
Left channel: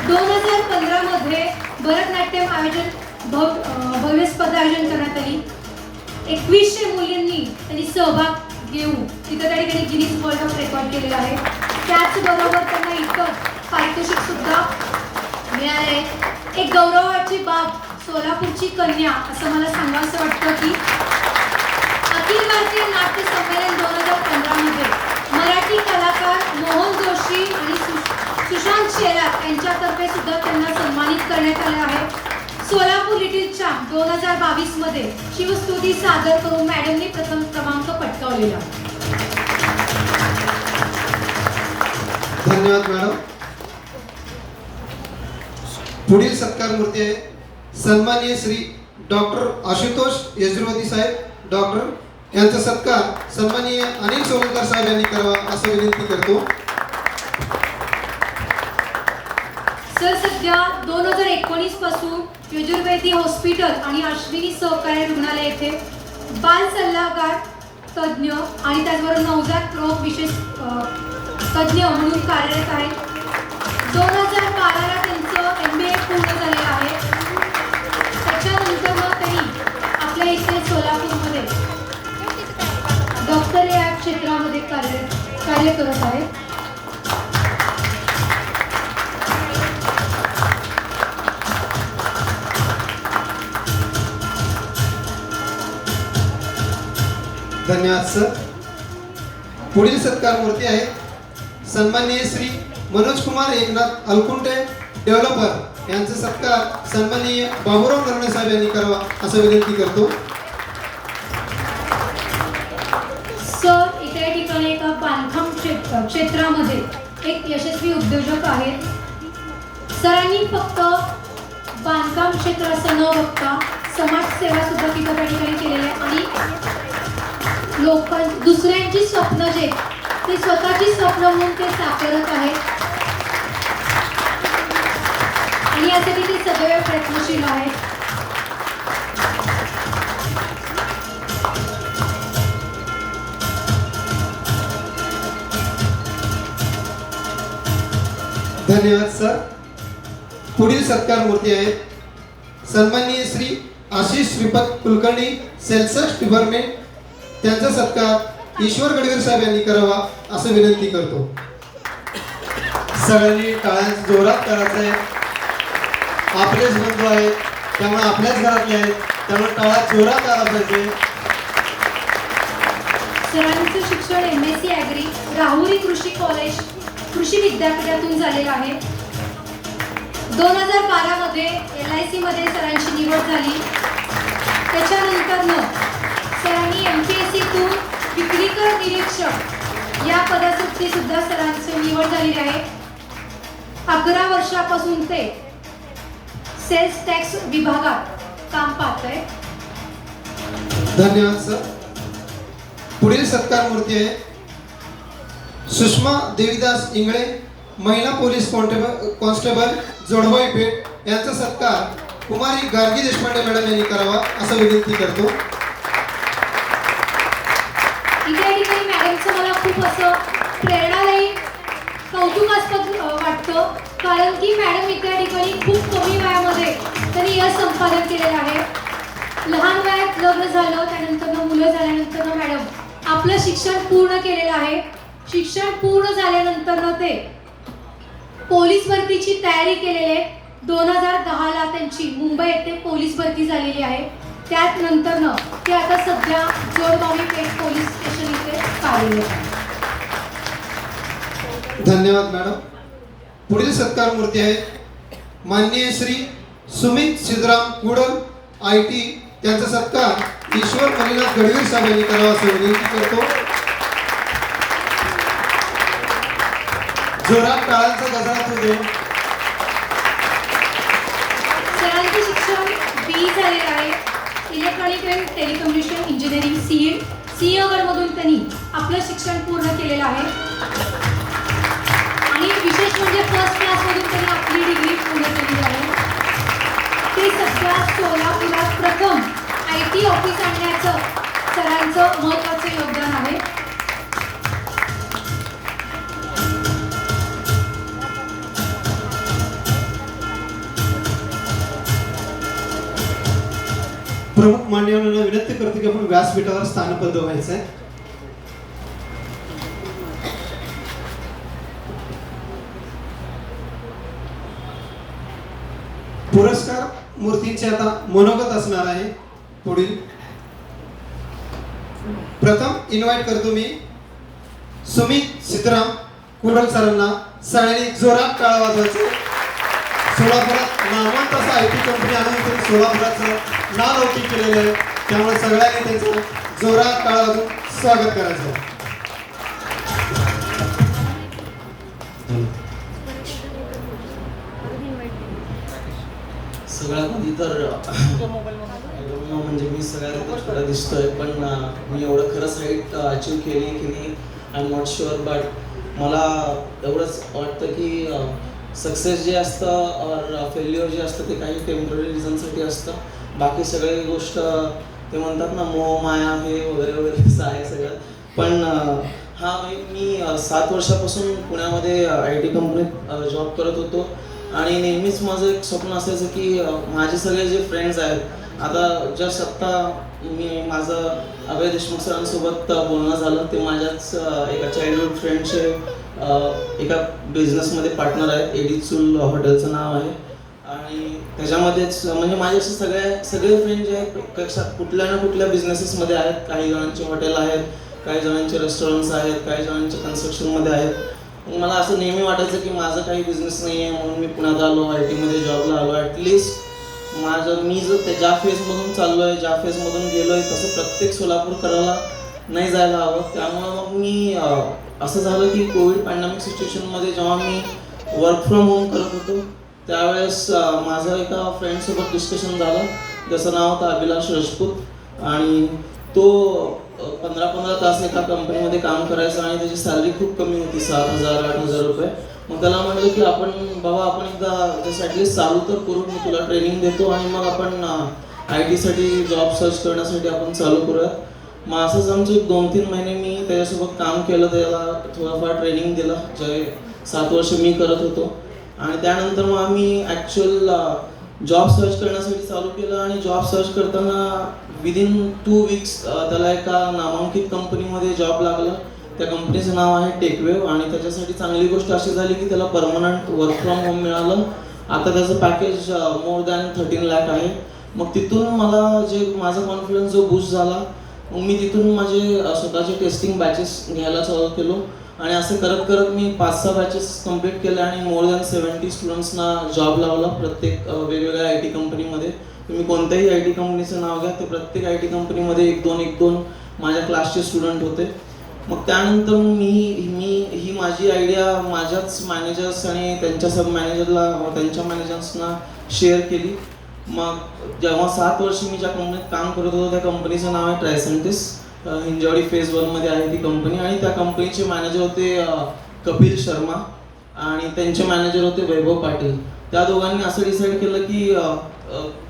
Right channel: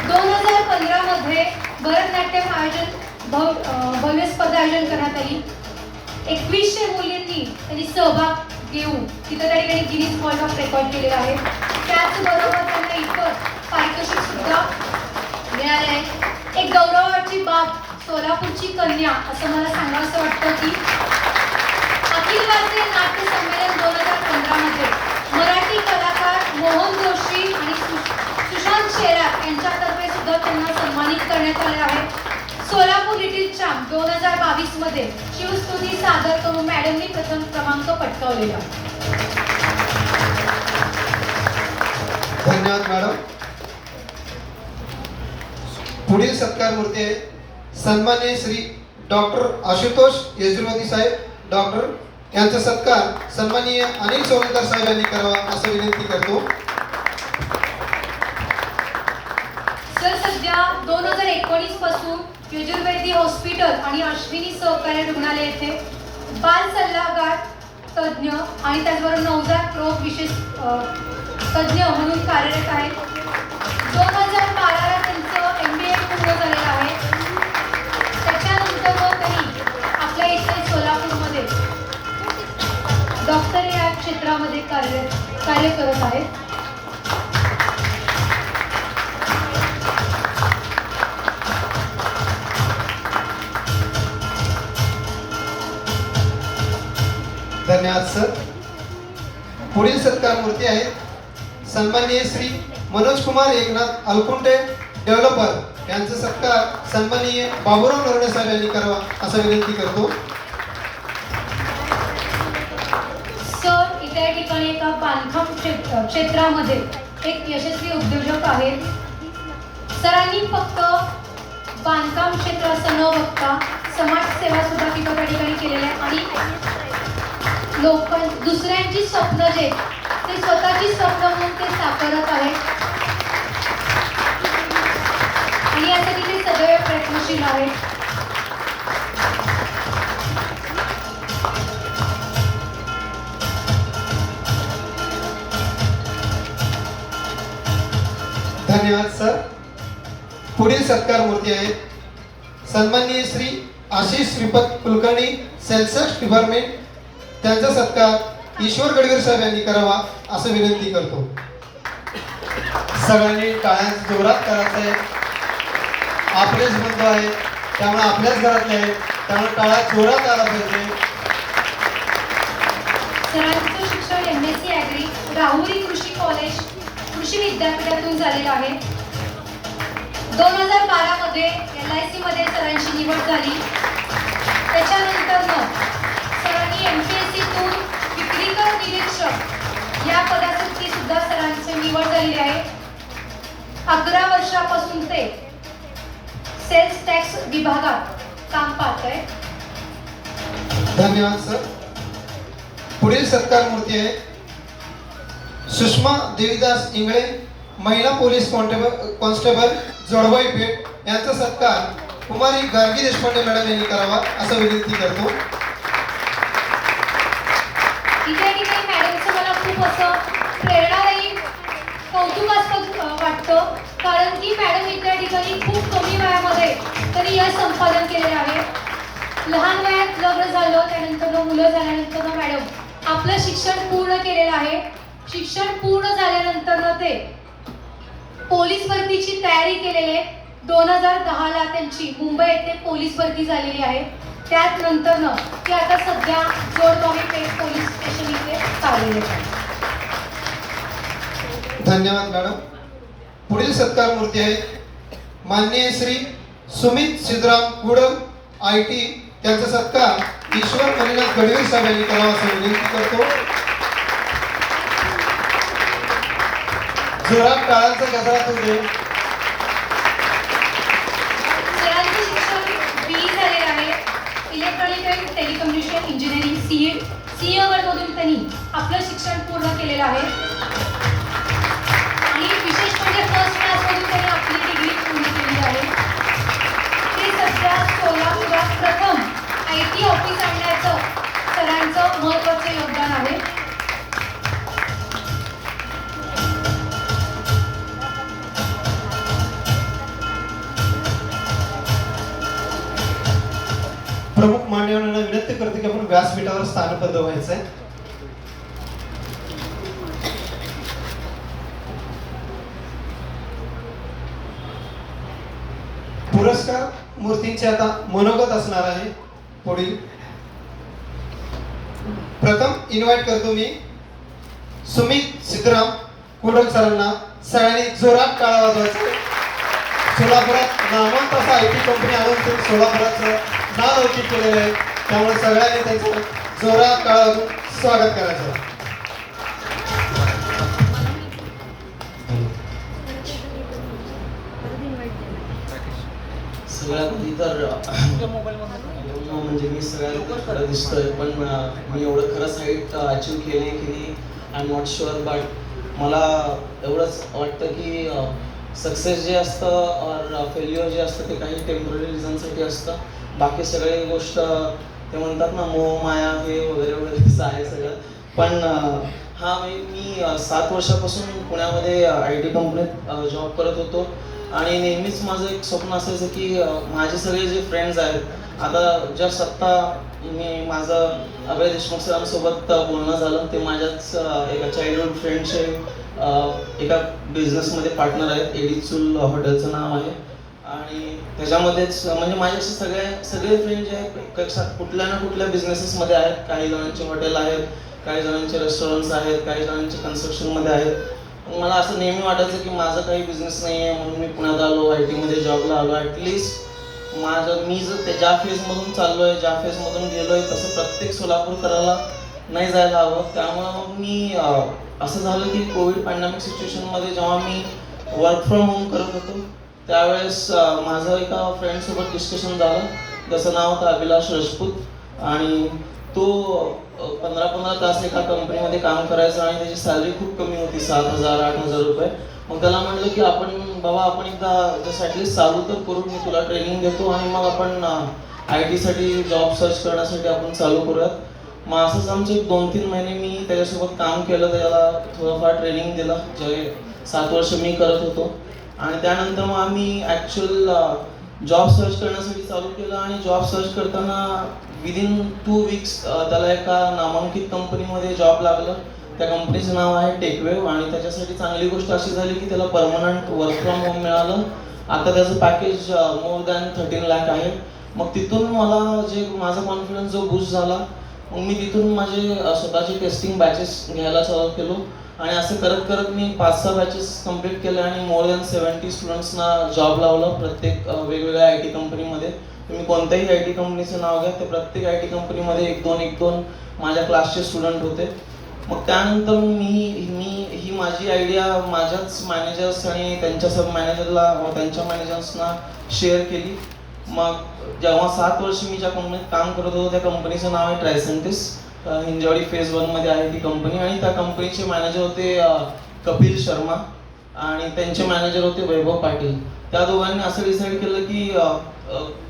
2015 मध्ये भरतनाट्यम भव्य स्पर्धा आयोजन करण्यात आली. 2100 मुलींनी त्यांनी सहभाग घेऊन तिथं त्या ठिकाणी गिनीज वर्ल्ड ऑफ रेकॉर्ड केलेला आहे. त्याचबरोबर त्यांना इतर पारितोषिक सुद्धा मिळाले आहे. एक गौरवाची बाब सोलापूरची कन्या असं मला सांगावंसं वाटतं की अखिल भारतीय नाट्य संमेलन 2015 मध्ये मराठी कलाकार मोहन जोशी आणि सुशांत शेरार यांच्यातर्फे सुद्धा त्यांना सन्मानित करण्यात आले आहे. सोलापूर लिटिल चॅम्प 2022 मध्ये शिवस्तुती सादर करून मॅडमनी प्रथम क्रमांक पटकावलेला. धन्यवाद मॅडम. पुढील सत्कार मूर्ती आहे सन्माननीय श्री डॉक्टर आशुतोष येजूरवती साहेब, डॉक्टर. यांचा सत्कार सन्माननीय अनिल सोलकर साहेब यांनी करावा असं विनंती करतो. सर सध्या 2019 पासून यजुर्वेदी हॉस्पिटल आणि अश्विनी सहकारी रुग्णालय येथे बाल सल्लागार तज्ज्ञ आणि त्याचबरोबर नवजात रोग विशेष तज्ज्ञ म्हणून कार्यरत आहेत. 2012ला त्यांचं MBA पूर्ण झालेलं आहे. त्याच्यानंतर त्यांनी आपल्या इथे सोलापूरमध्ये डॉक्टर या क्षेत्रामध्ये कार्य करत आहेत. धन्यवाद सर. पुढील सत्कार मूर्ती आहे सन्माननीय श्री मनोज कुमार एकनाथ अलकुंटे, डेव्हलपर. यांचा सत्कार सन्माननीय बाबूराव नरवणे साहेब यांनी करावा असं विनंती करतो. सर इथे ठिकाणी एका बांधकाम क्षेत्रामध्ये एक यशस्वी उद्योजक आहेत. सरांनी फक्त बांधकाम क्षेत्राचं न बघता समाजसेवा सुद्धा तिथं त्या ठिकाणी केलेली आहे आणि लोक दुसऱ्यांची स्वप्न जे ते स्वतःची स्वप्न म्हणून ते साकारत आहेत आणि यासाठी ते सदैव प्रयत्नशील आहेत. धन्यवाद सर. पुढील सत्कार मूर्ती आहे सन्माननीय श्री आशिष श्रीपत कुलकर्णी, सेल्स डिपार्टमेंट, त्यांचा सत्कार ईश्वर गडवीर साहेब यांनी करावा असं विनंती करतो. सगळ्यांनी टाळ्या जोरात करायचं आहे. आपलेच बंधू आहेत, त्यामुळे आपल्याच घरातले आहेत, त्यामुळे टाळ्या जोरात आला पाहिजे. सरांचं शिक्षण MSc ॲग्री राहुरी कृषी कॉलेज कृषी विद्यापीठातून झालेलं आहे. 2012 मध्ये LIC मध्ये सरांची निवड झाली. त्याच्यानंतर सरांनी MPSCतून विक्रीकर निरीक्षक या पदासाठी सुद्धा सरांची निवड झालेली आहे. 11 वर्षापासून ते सेल्स टॅक्स विभागात काम पाहत आहे. धन्यवाद सर. पुढील सत्कार मूर्ती आहे सुषमा देवीदास इंगळे, महिला पोलीस कॉन्स्टेबल जोडवाई पेठ, यांचा सत्कार कुमारी गार्गी देशपांडे मॅडम यांनी करावा असं विनंती करतो. इथे ठिकाणी मॅडमचं मला खूप असं प्रेरणादायी कौतुकास्पद वाटतं, कारण की मॅडम इथे ठिकाणी खूप कमी वयामध्ये त्यांनी यश संपादन केलेलं आहे. लहान वयात लग्न झालं, त्यानंतर मुलं झाल्यानंतर मॅडम आपलं शिक्षण पूर्ण केलेलं आहे. शिक्षण पूर्ण झाल्यानंतर ते पोलीस भरतीची तयारी केलेली आहे. 2010ला त्यांची मुंबई येथे पोलीस भरती झालेली आहे. त्यानंतर ती आता सध्या जोडगावी पेठ पोलीस स्टेशन इथे कार्यरत आहे. धन्यवाद मॅडम. पुढील सत्कार मूर्ती आहे माननीय श्री सुमित सिद्धराम कुडल IT, त्यांचा सत्कार ईश्वर मणिनाथ गडवीर साहेब यांनी करावा असं विनंती करतो. जोरात टाळ्यांचा गजरात होतो. सरांचे शिक्षण BE झालेलं आहे. इलेक्ट्रॉनिक अँड टेलिकम्युनिकेशन इंजिनिअरिंग सिंहगडमधून त्यांनी आपलं शिक्षण पूर्ण केलेलं आहे. आणि विशेष म्हणजे फर्स्ट क्लासमधून त्यांनी आपली डिग्री पूर्ण केलेली आहे. ते सध्या सोलापुरात प्रथम IT ऑफिस आणण्याचं सरांचं महत्त्वाचं योगदान आहे. प्रमुख मान्यवरांना विनंती करतो की आपण व्यासपीठावर स्थानबद्ध व्हायचं आहे. पुरस्कार मूर्तींचे आता मनोगत असणार आहे. पुढील प्रथम इन्व्हाइट करतो मी सुमित सिद्धराम कुडल सरांना. सगळ्यांनी जोरात टाळ्या वाजवायचं. सोलापुरात नामवंत असा IT कंपनी आणून ते सोलापुराचं नाव रोटी केलेलं आहे, त्यामुळे सगळ्यांनी त्याचं जोरात टाळ्या वाजवून स्वागत करायचं. सगळ्यात आधी तर म्हणजे मी सगळ्यात खरं दिसतोय, पण मी एवढं खरं साईट अचीव केली I am not sure. But मला एवढंच वाटतं की सक्सेस जे असतं और फेल्युअर जे असतं ते काही टेम्पररी रिझनसाठी असतं. बाकी सगळी गोष्ट ते म्हणतात ना मोह माया हे वगैरे वगैरे असं आहे सगळं. पण हा मी 7 वर्षापासून पुण्यामध्ये IT कंपनीत जॉब करत होतो आणि नेहमीच माझं एक स्वप्न असायचं की माझे सगळे जे फ्रेंड्स आहेत, आता जस्ट आत्ता मी माझं अभय देशमुख सरांसोबत बोलणं झालं. ते माझ्याच एका चाइल्डहुड फ्रेंडचे एका बिझनेसमध्ये पार्टनर आहेत. एडी चूल हॉटेलचं नाव आहे आणि त्याच्यामध्येच म्हणजे माझे असे सगळे फ्रेंड जे आहेत कुठल्या ना कुठल्या बिझनेसेसमध्ये आहेत. काही जणांचे हॉटेल आहेत, काही जणांचे रेस्टॉरंट्स आहेत, काही जणांचे कन्स्ट्रक्शनमध्ये आहेत. मला असं नेहमी वाटायचं की माझं काही बिझनेस नाही आहे म्हणून मी पुण्यात आलो, IT मध्ये जॉबला आलो. ॲटलिस्ट मी जर ज्या फेजमधून चाललो आहे, ज्या फेजमधून गेलो आहे, तसं प्रत्येक सोलापूरकराला नाही जायला हवं. त्यामुळं मी असं झालं की कोविड पॅन्डेमिक सिच्युएशनमध्ये जेव्हा मी वर्क फ्रॉम होम करत होतो त्यावेळेस माझं एका फ्रेंडसोबत डिस्कशन झालं, ज्याचं नाव होतं अभिलाष राजपूत आणि तो 15-15 तास एका कंपनीमध्ये काम करायचा आणि त्याची सॅलरी खूप कमी होती, 7,000-8,000 रुपये. मग त्याला म्हटलं की आपण एकदा जसं ॲटलिस्ट चालू तर करून मी तुला ट्रेनिंग देतो आणि मग आपण IT साठी जॉब सर्च करण्यासाठी आपण चालू करूयात. मग असंच आमचे 2-3 महिने मी त्याच्यासोबत काम केलं, त्याला थोडंफार ट्रेनिंग दिलं जे 7 वर्ष मी करत होतो. आणि त्यानंतर मग आम्ही ॲक्च्युअल जॉब सर्च करण्यासाठी चालू केलं आणि जॉब सर्च करताना विदिन 2 वीक्स त्याला एका नामांकित कंपनीमध्ये जॉब लागलं. त्या कंपनीचं नाव आहे टेकवेव आणि त्याच्यासाठी चांगली गोष्ट अशी झाली की त्याला परमनंट वर्क फ्रॉम होम मिळालं. आता त्याचं पॅकेज मोर दॅन 13 लाख आहे. मग तिथून मला जे माझा कॉन्फिडन्स जो बूस्ट झाला, मग मी तिथून माझे स्वतःचे टेस्टिंग बॅचेस घ्यायला चालू केलो आणि असं करत करत मी 5-6 बॅचेस कंप्लीट केले आणि मोर दॅन 70 स्टुडंट्सना जॉब लावला प्रत्येक वेगवेगळ्या आय टी कंपनीमध्ये. तुम्ही कोणत्याही आय टी कंपनीचं नाव घ्या, ते प्रत्येक आय टी कंपनीमध्ये 1-2 माझ्या क्लासचे स्टुडंट होते. मग त्यानंतर मी ही माझी आयडिया माझ्याच मॅनेजर्स आणि त्यांच्या सब मॅनेजरला त्यांच्या मॅनेजर्सना शेअर केली. मग जेव्हा 7 वर्ष मी ज्या कंपनीत काम करत होतो त्या कंपनीचं नाव आहे ट्रायसेंटिस. हिंजवाडी फेज 1 मध्ये आहे ती कंपनी आणि त्या कंपनीचे मॅनेजर होते कपिल शर्मा आणि त्यांचे मॅनेजर होते वैभव पाटील. त्या दोघांनी असं डिसाईड केलं की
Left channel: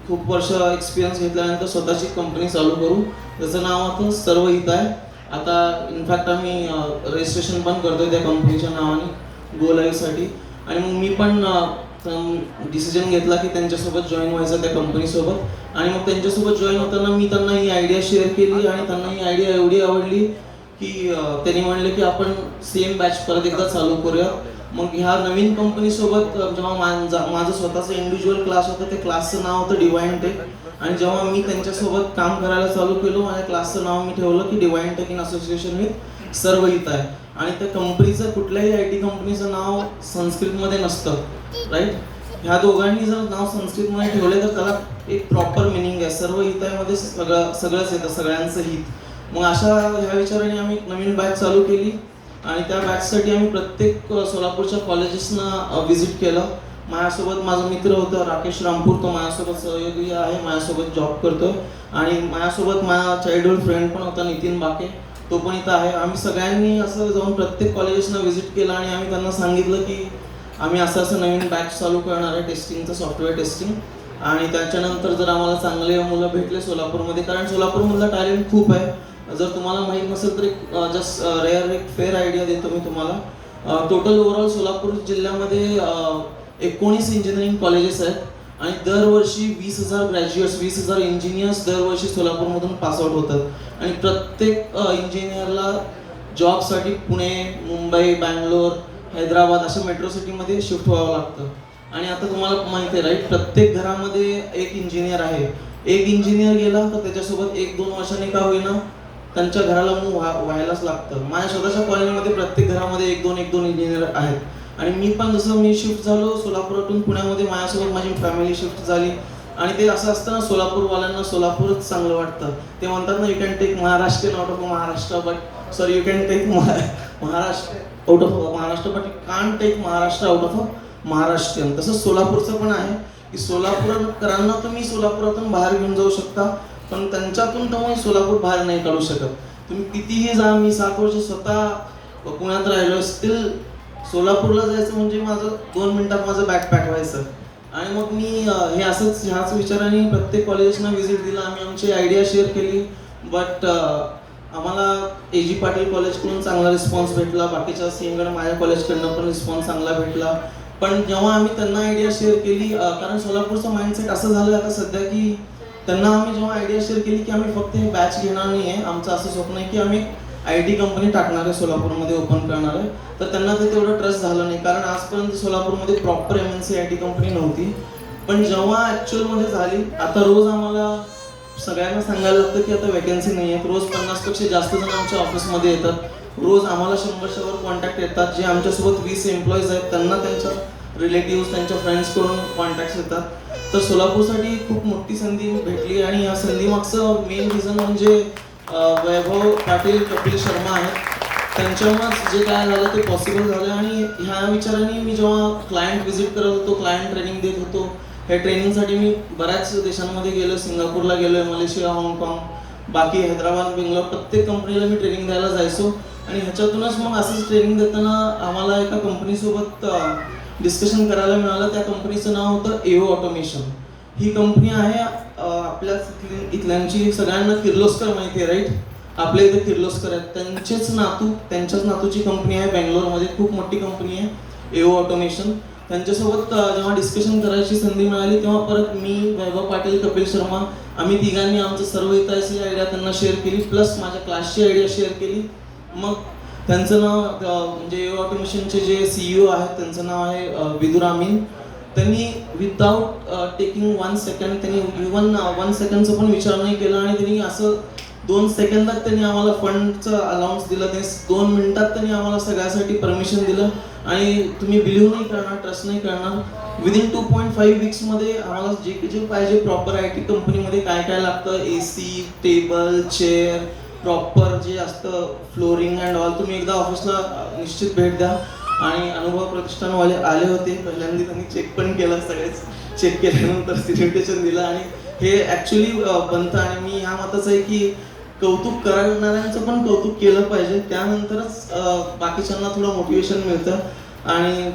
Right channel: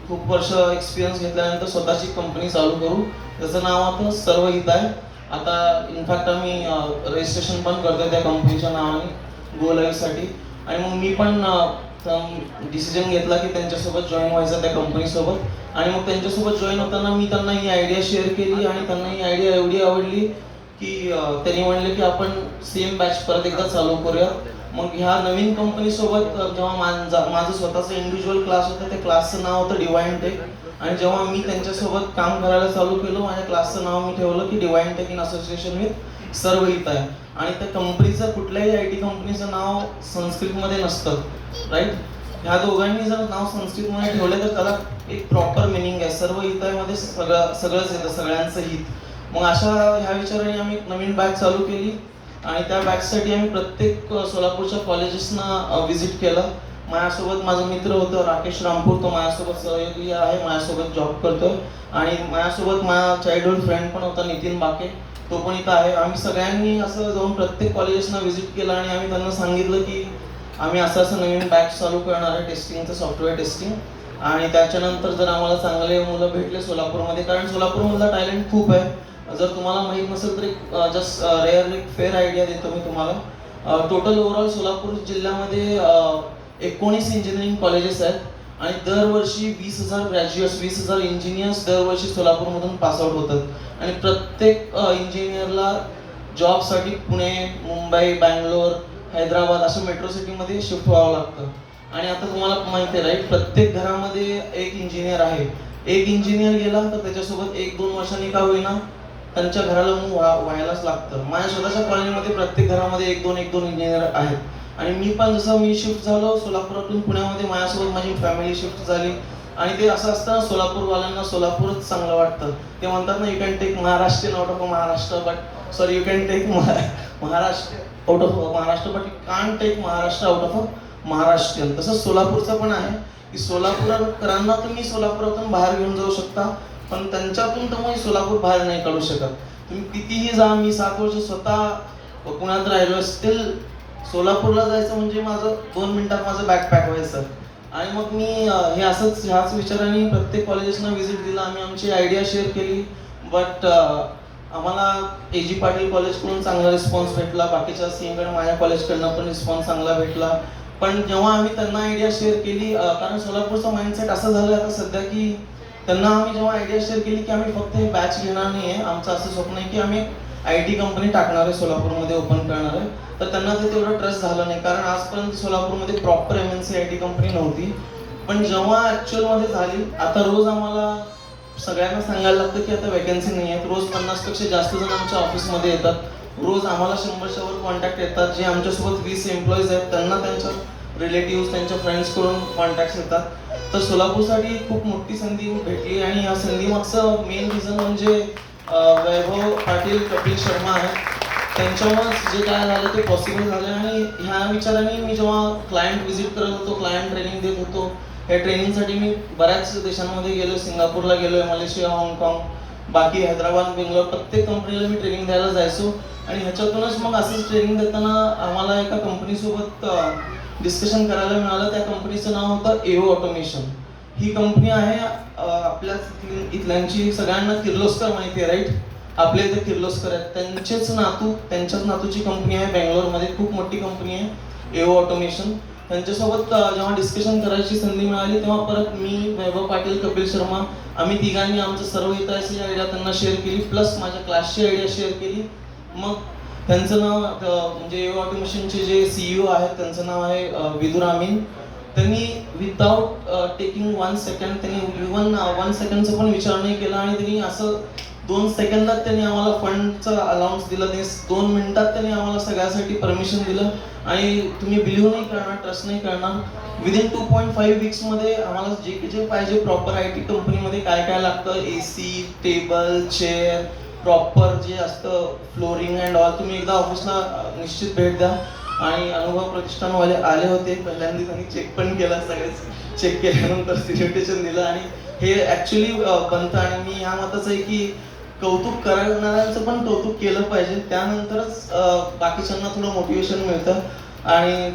खूप वर्ष एक्सपिरियन्स घेतल्यानंतर स्वतःची कंपनी चालू करू. त्याचं नाव होतं सर्व हित आहे. आता इनफॅक्ट आम्ही रजिस्ट्रेशन पण करतोय त्या कंपनीच्या नावाने गो लाईव्हसाठी. आणि मग मी पण डिसिजन घेतला की त्यांच्यासोबत जॉईन व्हायचं त्या कंपनीसोबत. आणि मग त्यांच्यासोबत जॉईन होताना मी त्यांना ही आयडिया शेअर केली आणि त्यांना ही आयडिया एवढी आवडली की त्यांनी म्हणले की आपण सेम बॅच परत एकदा चालू करूया. मग ह्या नवीन कंपनीसोबत जेव्हा माझं स्वतःचं इंडिव्हिज्युअल क्लास होतं, ते क्लासचं नाव होतं डिवाइन टेक. आणि जेव्हा मी त्यांच्यासोबत काम करायला चालू केलं, माझ्या क्लासचं नाव मी ठेवलं की divine tech in association with Sarva Hit आहे. आणि त्या कंपनीचं कुठल्याही आय टी कंपनीचं नाव संस्कृतमध्ये नसतं, राईट. ह्या दोघांनी जर नाव संस्कृतमध्ये ठेवले तर त्याला एक प्रॉपर मिनिंग आहे. सर्व हितामध्ये सगळंच येतं, सगळ्यांचं हित. मग अशा ह्या विचाराने आम्ही नवीन बॅच चालू केली आणि त्या बॅचसाठी आम्ही प्रत्येक सोलापूरच्या कॉलेजेसना व्हिजिट केलं. माझ्यासोबत माझा मित्र होतं राकेश रामपूर, तो माझ्यासोबत सहयोगी आहे, माझ्यासोबत जॉब करतोय. आणि माझ्यासोबत माझा चाइल्डहुड फ्रेंड पण होता नितीन बाके, तो पण इथं आहे. आम्ही सगळ्यांनी असं जाऊन प्रत्येक कॉलेजेसना व्हिजिट केलं आणि आम्ही त्यांना सांगितलं की आम्ही असं नवीन बॅच चालू करणार आहे टेस्टिंगचं, सॉफ्टवेअर टेस्टिंग. आणि त्याच्यानंतर जर आम्हाला चांगले मुलं भेटले सोलापूरमध्ये, कारण सोलापूरमधला टॅलेंट खूप आहे. जर तुम्हाला माहीत नसेल तर एक जस्ट एक फेअर आयडिया देतो मी तुम्हाला. टोटल ओव्हरऑल सोलापूर जिल्ह्यामध्ये 19 इंजिनिअरिंग कॉलेजेस आहेत आणि दरवर्षी 20,000 ग्रॅज्युएट्स, 20,000 इंजिनियर्स दरवर्षी सोलापूरमधून पासआउट होतात. आणि प्रत्येक इंजिनियरला जॉबसाठी पुणे, मुंबई, बँगलोर, हैदराबाद अशा मेट्रो सिटीमध्ये शिफ्ट व्हावं लागतं. आणि आता तुम्हाला माहिती आहे राईट, प्रत्येक घरामध्ये एक इंजिनियर आहे. एक इंजिनियर गेला तर त्याच्यासोबत 1-2 वर्षांनी का होईना त्यांच्या घराला व्हायलाच लागतं. माझ्या स्वतःच्या कॉलेजमध्ये प्रत्येक घरामध्ये 1-2 इंजिनियर आहेत. आणि मी पण जसं मी शिफ्ट झालो सोलापुरातून पुण्यामध्ये, माझ्यासोबत माझी फॅमिली शिफ्ट झाली. आणि ते असं असतं सोलापूरवाल्यांना सोलापूरच चांगलं वाटतं. ते म्हणतात ना, you can take Maharashtrian out of Maharashtra but sorry you can take Maharashtra out of Maharashtra but you can't take Maharashtra out of Maharashtrian. तसंच सोलापूरचं पण आहे की सोलापूरकरांना तुम्ही सोलापुरातून बाहेर घेऊन जाऊ शकता, पण त्यांच्यातून तुम्ही सोलापूर बाहेर नाही काढू शकत. तुम्ही कितीही जा, मी 7 वर्ष स्वतः पुण्यात राहिलो, स्टील सोलापूरला जायचं म्हणजे माझं 2 मिनिटात माझं बॅग पॅक व्हायचं. आणि मग मी हे असंच ह्याच विचाराने प्रत्येक कॉलेजेसना व्हिजिट दिला. आम्ही आमची आयडिया शेअर केली. बट आम्हाला AG पाटील कॉलेजकडून चांगला रिस्पॉन्स भेटला, बाकीच्या सिंहगड माझ्या कॉलेजकडनं पण रिस्पॉन्स चांगला भेटला. पण जेव्हा आम्ही त्यांना आयडिया शेअर केली, कारण सोलापूरचा माइंडसेट असं झालं आता सध्या की त्यांना आम्ही जेव्हा आयडिया शेअर केली की आम्ही फक्त हे बॅच घेणार नाही आहे, आमचं असं स्वप्न आहे की आम्ही IT कंपनी टाकणार आहे, सोलापूरमध्ये ओपन करणार आहे. तर त्यांना ते तेवढं ट्रस्ट झालं नाही, कारण आजपर्यंत सोलापूरमध्ये प्रॉपर MNC IT कंपनी नव्हती. पण जेव्हा ॲक्च्युअलमध्ये झाली, आता रोज आम्हाला सगळ्यांना सांगायला लागतं की आता वॅकन्सी नाही आहेत. रोज 50पेक्षा जास्त जण आमच्या ऑफिसमध्ये येतात. रोज आम्हाला 100च्या कॉन्टॅक्ट येतात. जे आमच्यासोबत 20 एम्प्लॉईज आहेत त्यांना त्यांच्या रिलेटिव्ह, त्यांच्या फ्रेंड्सकडून कॉन्टॅक्ट्स येतात. तर सोलापूरसाठी खूप मोठी संधी भेटली आणि या संधीमागचं मेन रिझन म्हणजे वैभव पाटील, कपिल शर्मा आहेत. त्यांच्यामुळेच जे काय झालं ते पॉसिबल झालं. आणि ह्या विचाराने मी जेव्हा क्लायंट व्हिजिट करत होतो, क्लायंट ट्रेनिंग देत होतो, या ट्रेनिंगसाठी मी बऱ्याच देशांमध्ये गेलो. सिंगापूरला गेलो, मलेशिया, हाँगकाँग, बाकी हैदराबाद, बेंगलोर, प्रत्येक कंपनीला मी ट्रेनिंग द्यायला जायचो. आणि ह्याच्यातूनच मग असंच ट्रेनिंग देताना आम्हाला एका कंपनीसोबत डिस्कशन करायला मिळालं. त्या कंपनीचं नाव होतं AO ऑटोमेशन. ही कंपनी आहे आपल्या इथल्यांची सगळ्यांना किर्लोस्कर माहिती आहे, राईट. आपल्या इथे किर्लोस्कर आहेत, त्यांच्याच नातूची कंपनी आहे बेंगलोरमध्ये, खूप मोठी कंपनी आहे AO ऑटोमेशन. त्यांच्यासोबत जेव्हा डिस्कशन करायची संधी मिळाली तेव्हा परत मी, वैभव पाटील, कपिल शर्मा आम्ही तिघांनी आमचं सर्व हिताची आयडिया त्यांना शेअर केली, प्लस माझ्या क्लासची आयडिया शेअर केली. मग त्यांचं नाव म्हणजे ऑटोमेशनचे जे CEO आहेत त्यांचं नाव आहे विदुर अमीन. त्यांनी विदाउट टेकिंग 1 सेकंड त्यांनी इव्हन 1 सेकंडचा पण विचार नाही केला आणि त्यांनी असं 2 सेकंदात त्यांनी आम्हाला फंडचं अलाउन्स दिलं. ते 2 मिनिटात त्यांनी आम्हाला सगळ्यासाठी परमिशन दिलं आणि तुम्ही बिलीव्ह नाही करणार, ट्रस्ट नाही करणार, विदिन 2.5 वीक्समध्ये आम्हाला जे पाहिजे प्रॉपर IT कंपनीमध्ये काय काय लागतं, AC, टेबल, चेअर, प्रॉपर जे असतं फ्लोरिंग अँड ऑल, तुम्ही एकदा ऑफिसला निश्चित भेट द्या. आणि अनुभव प्रतिष्ठानवाले आले होते, पहिल्यांदा त्यांनी चेक पण केला, सगळेच चेक केल्यानंतर सिग्नेचर दिलं आणि हे ॲक्च्युली बनतं. आणि मी ह्या मताचं आहे की कौतुक करणाऱ्यांचं पण कौतुक केलं पाहिजे, त्यानंतरच बाकीच्यांना थोडं मोटिवेशन मिळतं. आणि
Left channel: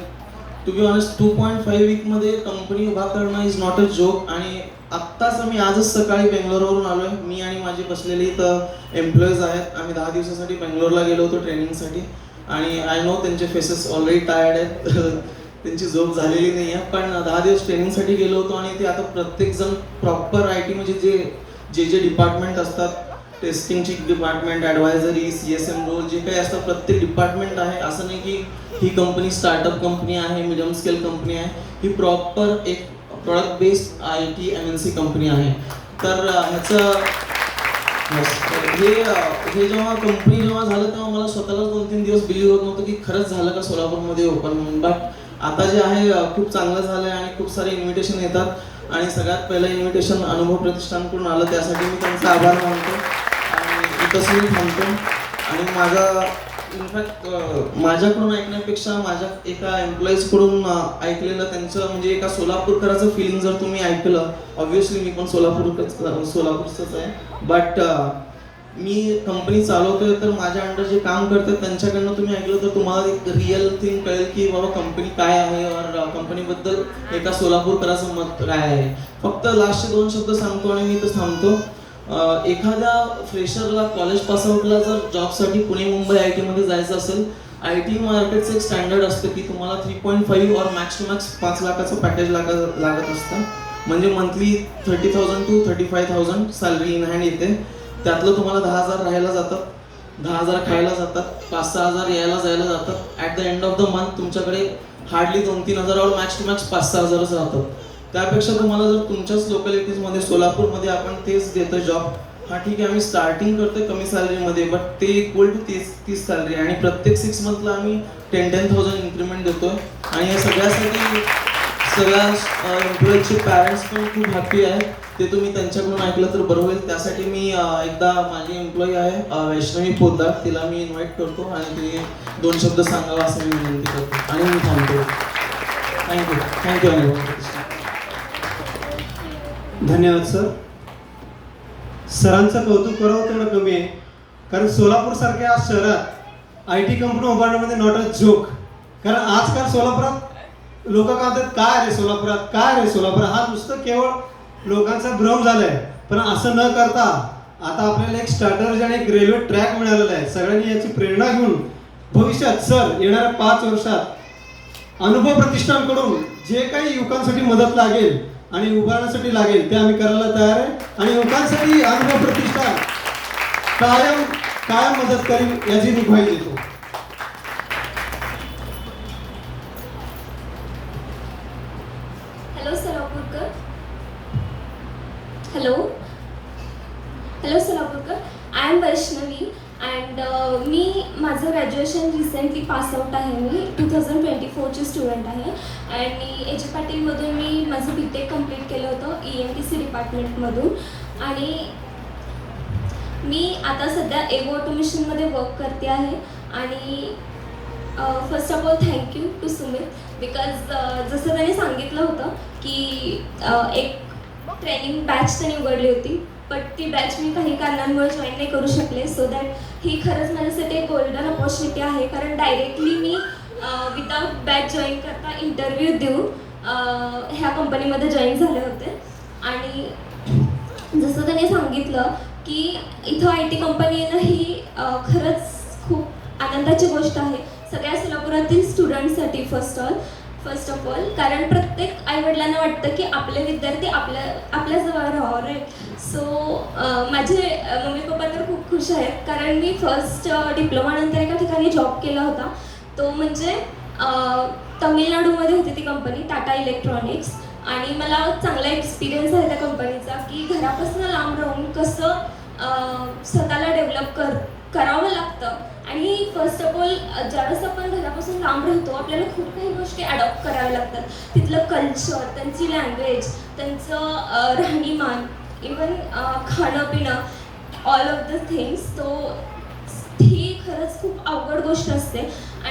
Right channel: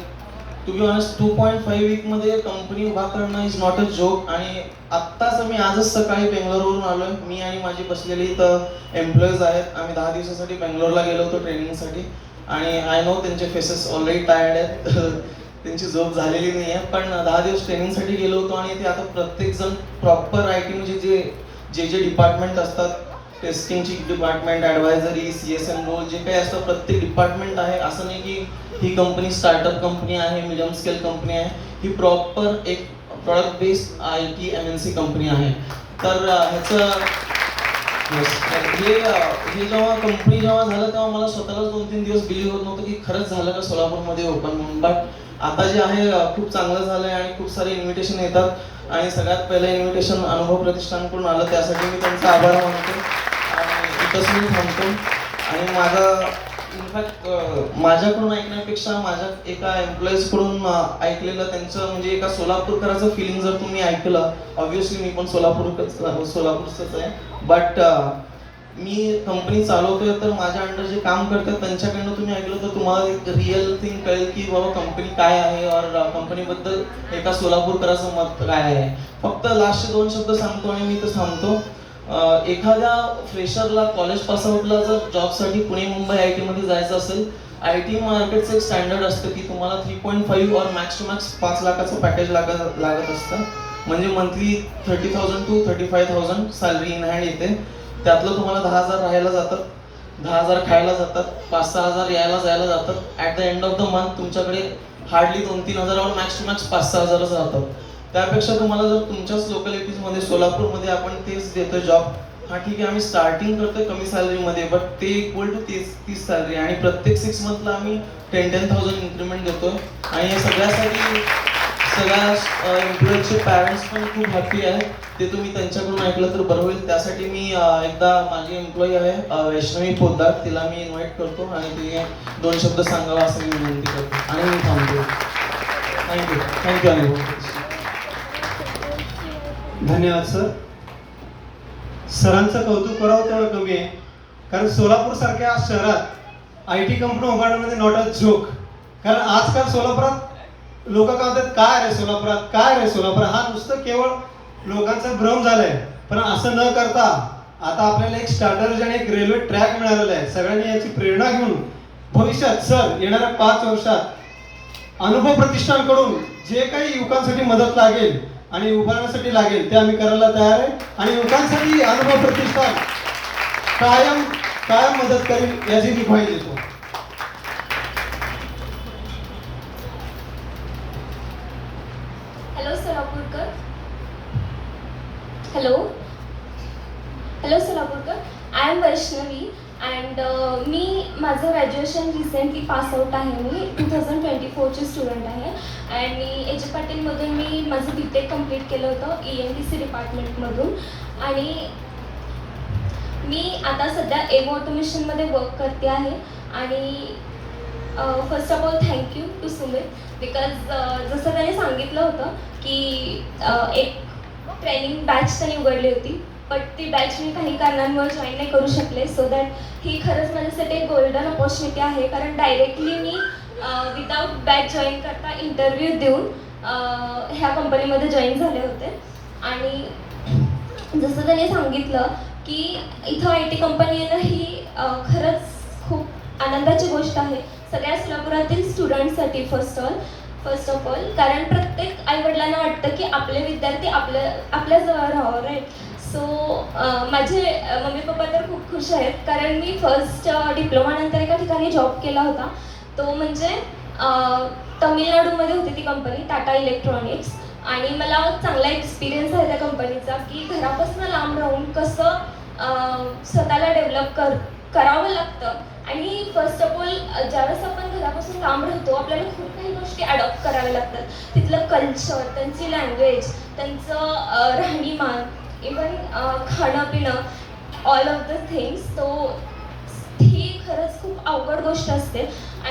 टू बी ऑनेस्ट 2.5 वीकमध्ये कंपनी उभा करणं इज नॉट अ जोक. आणि आत्ताच मी आजच सकाळी बेंगलोरवरून आलोय, मी आणि माझी बसलेली इथं एम्प्लॉईज आहेत. आम्ही 10 दिवसासाठी बेंगलोरला गेलो होतो ट्रेनिंगसाठी आणि आय नो त्यांचे फेसेस ऑलरेडी टायर्ड आहेत त्यांची झोप झालेली नाही आहे, पण 10 दिवस ट्रेनिंगसाठी गेलो होतो आणि ते आता प्रत्येकजण प्रॉपर IT म्हणजे जे डिपार्टमेंट असतात, टेस्टिंगची डिपार्टमेंट, ॲडवायझरी, CSM रोल जे काही असतं प्रत्येक डिपार्टमेंट आहे. असं नाही की ही कंपनी स्टार्टअप कंपनी आहे, मिडियम स्केल कंपनी आहे, ही प्रॉपर एक product based IT MNC company आहे. तर ह्याचं हे जेव्हा कंपनी झालं तेव्हा मला स्वतःला 2-3 दिवस बिलीव्ह होत नव्हतं की खरंच झालं का सोलापूरमध्ये ओपन म्हणून. बट आता जे आहे खूप चांगलं झालं आहे आणि खूप सारे इन्व्हिटेशन येतात आणि सगळ्यात पहिलं इन्व्हिटेशन अनुभव प्रतिष्ठानकडून आलं, त्यासाठी मी त्यांचा आभार मानतो आणि इथंच मी थांबतो. आणि माझा इनफॅक्ट माझ्याकडून ऐकण्यापेक्षा माझ्या एका एम्प्लॉईजकडून ऐकलेलं त्यांचं म्हणजे एका सोलापूरकराचं फिलिंग जर तुम्ही ऐकलं, ऑब्व्हियसली मी पण सोलापूरचंच आहे, बट मी कंपनी चालवतोय तर माझ्या अंडर जे काम करतात त्यांच्याकडनं तुम्ही ऐकलं तर तुम्हाला एक रिअल थिंग कळेल की बाबा कंपनी काय आहे और कंपनीबद्दल एका सोलापूरकराचं मत काय आहे. फक्त लास्टचे 2 शब्द सांगतो आणि मी तो सांगतो. एखाद्या फ्रेशरला कॉलेज पासआउटला जर जॉबसाठी पुणे मुंबई IT मध्ये जायचं असेल, IT मार्केटचं एक स्टँडर्ड असतं की तुम्हाला 3.5 और मॅक्स टू मॅक्स 5 लाखाचं पॅकेज लागत असतं. म्हणजे monthly 30,000 to 35,000 salary in hand येते. त्यातलं तुम्हाला 10,000 राहायला जातात, 10,000 खायला जातात, 5-6 हजार यायला जायला जातात. At the end of the month तुमच्याकडे हार्डली 2-3 हजार और मॅक्स टू मॅक्स 5-6 हजारच राहतात. त्यापेक्षा तुम्हाला जर तुमच्याच लोकॅलिटीजमध्ये सोलापूरमध्ये आपण तेच देतो जॉब, हा ठीक आहे आम्ही स्टार्टिंग करतोय कमी सॅलरीमध्ये, बट ते इक्वल टू 30 सॅलरी आणि प्रत्येक 6 मंथला आम्ही 10,000 इन्क्रीमेंट देतो. आणि हे सगळ्यासाठी सगळ्या एम्प्लॉईजचे पॅरेंट्स पण खूप हॅपी आहेत. ते तुम्ही त्यांच्याकडून ऐकलं तर बरं होईल. त्यासाठी मी एकदा माझी एम्प्लॉई आहे वैष्णवी पोद्दार, तिला मी इन्व्हाइट करतो आणि तिने 2 शब्द सांगावा असं मी विनंती करतो आणि मी थांबतो. थँक्यू अनुभव. धन्यवाद सर. सरांचं कौतुक करावं तेवढं कमी आहे, कारण सोलापूर सारख्या शहरात IT कंपनी उभारण्यामध्ये नॉट अ जोक. कारण आजकाल सोलापुरात लोक काय म्हणतात काय रे सोलापुरात, काय रे सोलापुरात, हा नुसतं केवळ लोकांचा भ्रम झालाय. पण असं न करता आता आपल्याला एक स्टार्टर आणि एक रेल्वे ट्रॅक मिळालेला आहे. सगळ्यांनी याची प्रेरणा घेऊन भविष्यात सर येणाऱ्या 5 वर्षात अनुभव प्रतिष्ठानकडून जे काही युवकांसाठी मदत लागेल आणि उभारण्यासाठी लागेल ते आम्ही करायला तयार आहे. आणि युवकांसाठी अनुभव प्रतिष्ठान कायम मदत करेल याची मी ग्वाही देतो. हॅलो सोलापूरकर. हॅलो सोलापूरकर. आय एम वैष्णवी अँड मी माझं ग्रॅज्युएशन रिसेंटली पासआउट आहे. मी 2024ची स्टुडंट आहे आणि AJ पाटीलमधून मी माझं BTech कंप्लीट केलं होतं EMTC डिपार्टमेंटमधून. आणि मी आता सध्या एगो ऑटोमेशनमध्ये वर्क करते आहे. आणि first of all thank you to Sumit, because जसं त्याने सांगितलं होतं की एक ट्रेनिंग बॅच त्यांनी उघडली होती, बट ती बॅच मी काही कारणांमुळे जॉईन नाही करू शकले. सो दॅट ही खरंच माझ्यासाठी एक गोल्डन अपॉर्च्युनिटी आहे, कारण डायरेक्टली मी विदाऊट बॅच जॉईन करता इंटरव्ह्यू देऊन ह्या कंपनीमध्ये जॉईन झाले होते. आणि जसं त्याने सांगितलं की इथं IT कंपनी येणं ही खरंच खूप आनंदाची गोष्ट आहे सगळ्या सोलापुरातील स्टुडंटसाठी. फर्स्ट फर्स्ट ऑफ ऑल, कारण प्रत्येक आईवडिलांना वाटतं की आपले विद्यार्थी आपल्याजवळ राहावं, राईट. सो माझे मम्मी पप्पा तर खूप खुश आहेत, कारण मी फर्स्ट डिप्लोमानंतर एका ठिकाणी जॉब केला होता. तो म्हणजे तमिळनाडूमध्ये होती ती कंपनी, टाटा इलेक्ट्रॉनिक्स. आणि मला चांगला एक्सपिरियन्स आहे त्या कंपनीचा, की घरापासून लांब राहून कसं स्वतःला डेव्हलप करावं लागतं. आणि फर्स्ट ऑफ ऑल, ज्यावेळेस आपण घरापासून लांब राहतो आपल्याला खूप काही गोष्टी अडॉप्ट कराव्या लागतात. तिथलं कल्चर, त्यांची लँग्वेज, त्यांचं राहणीमान, इवन खाणं पिणं, ऑल ऑफ द थिंग्स. ही खरंच खूप अवघड गोष्ट असते.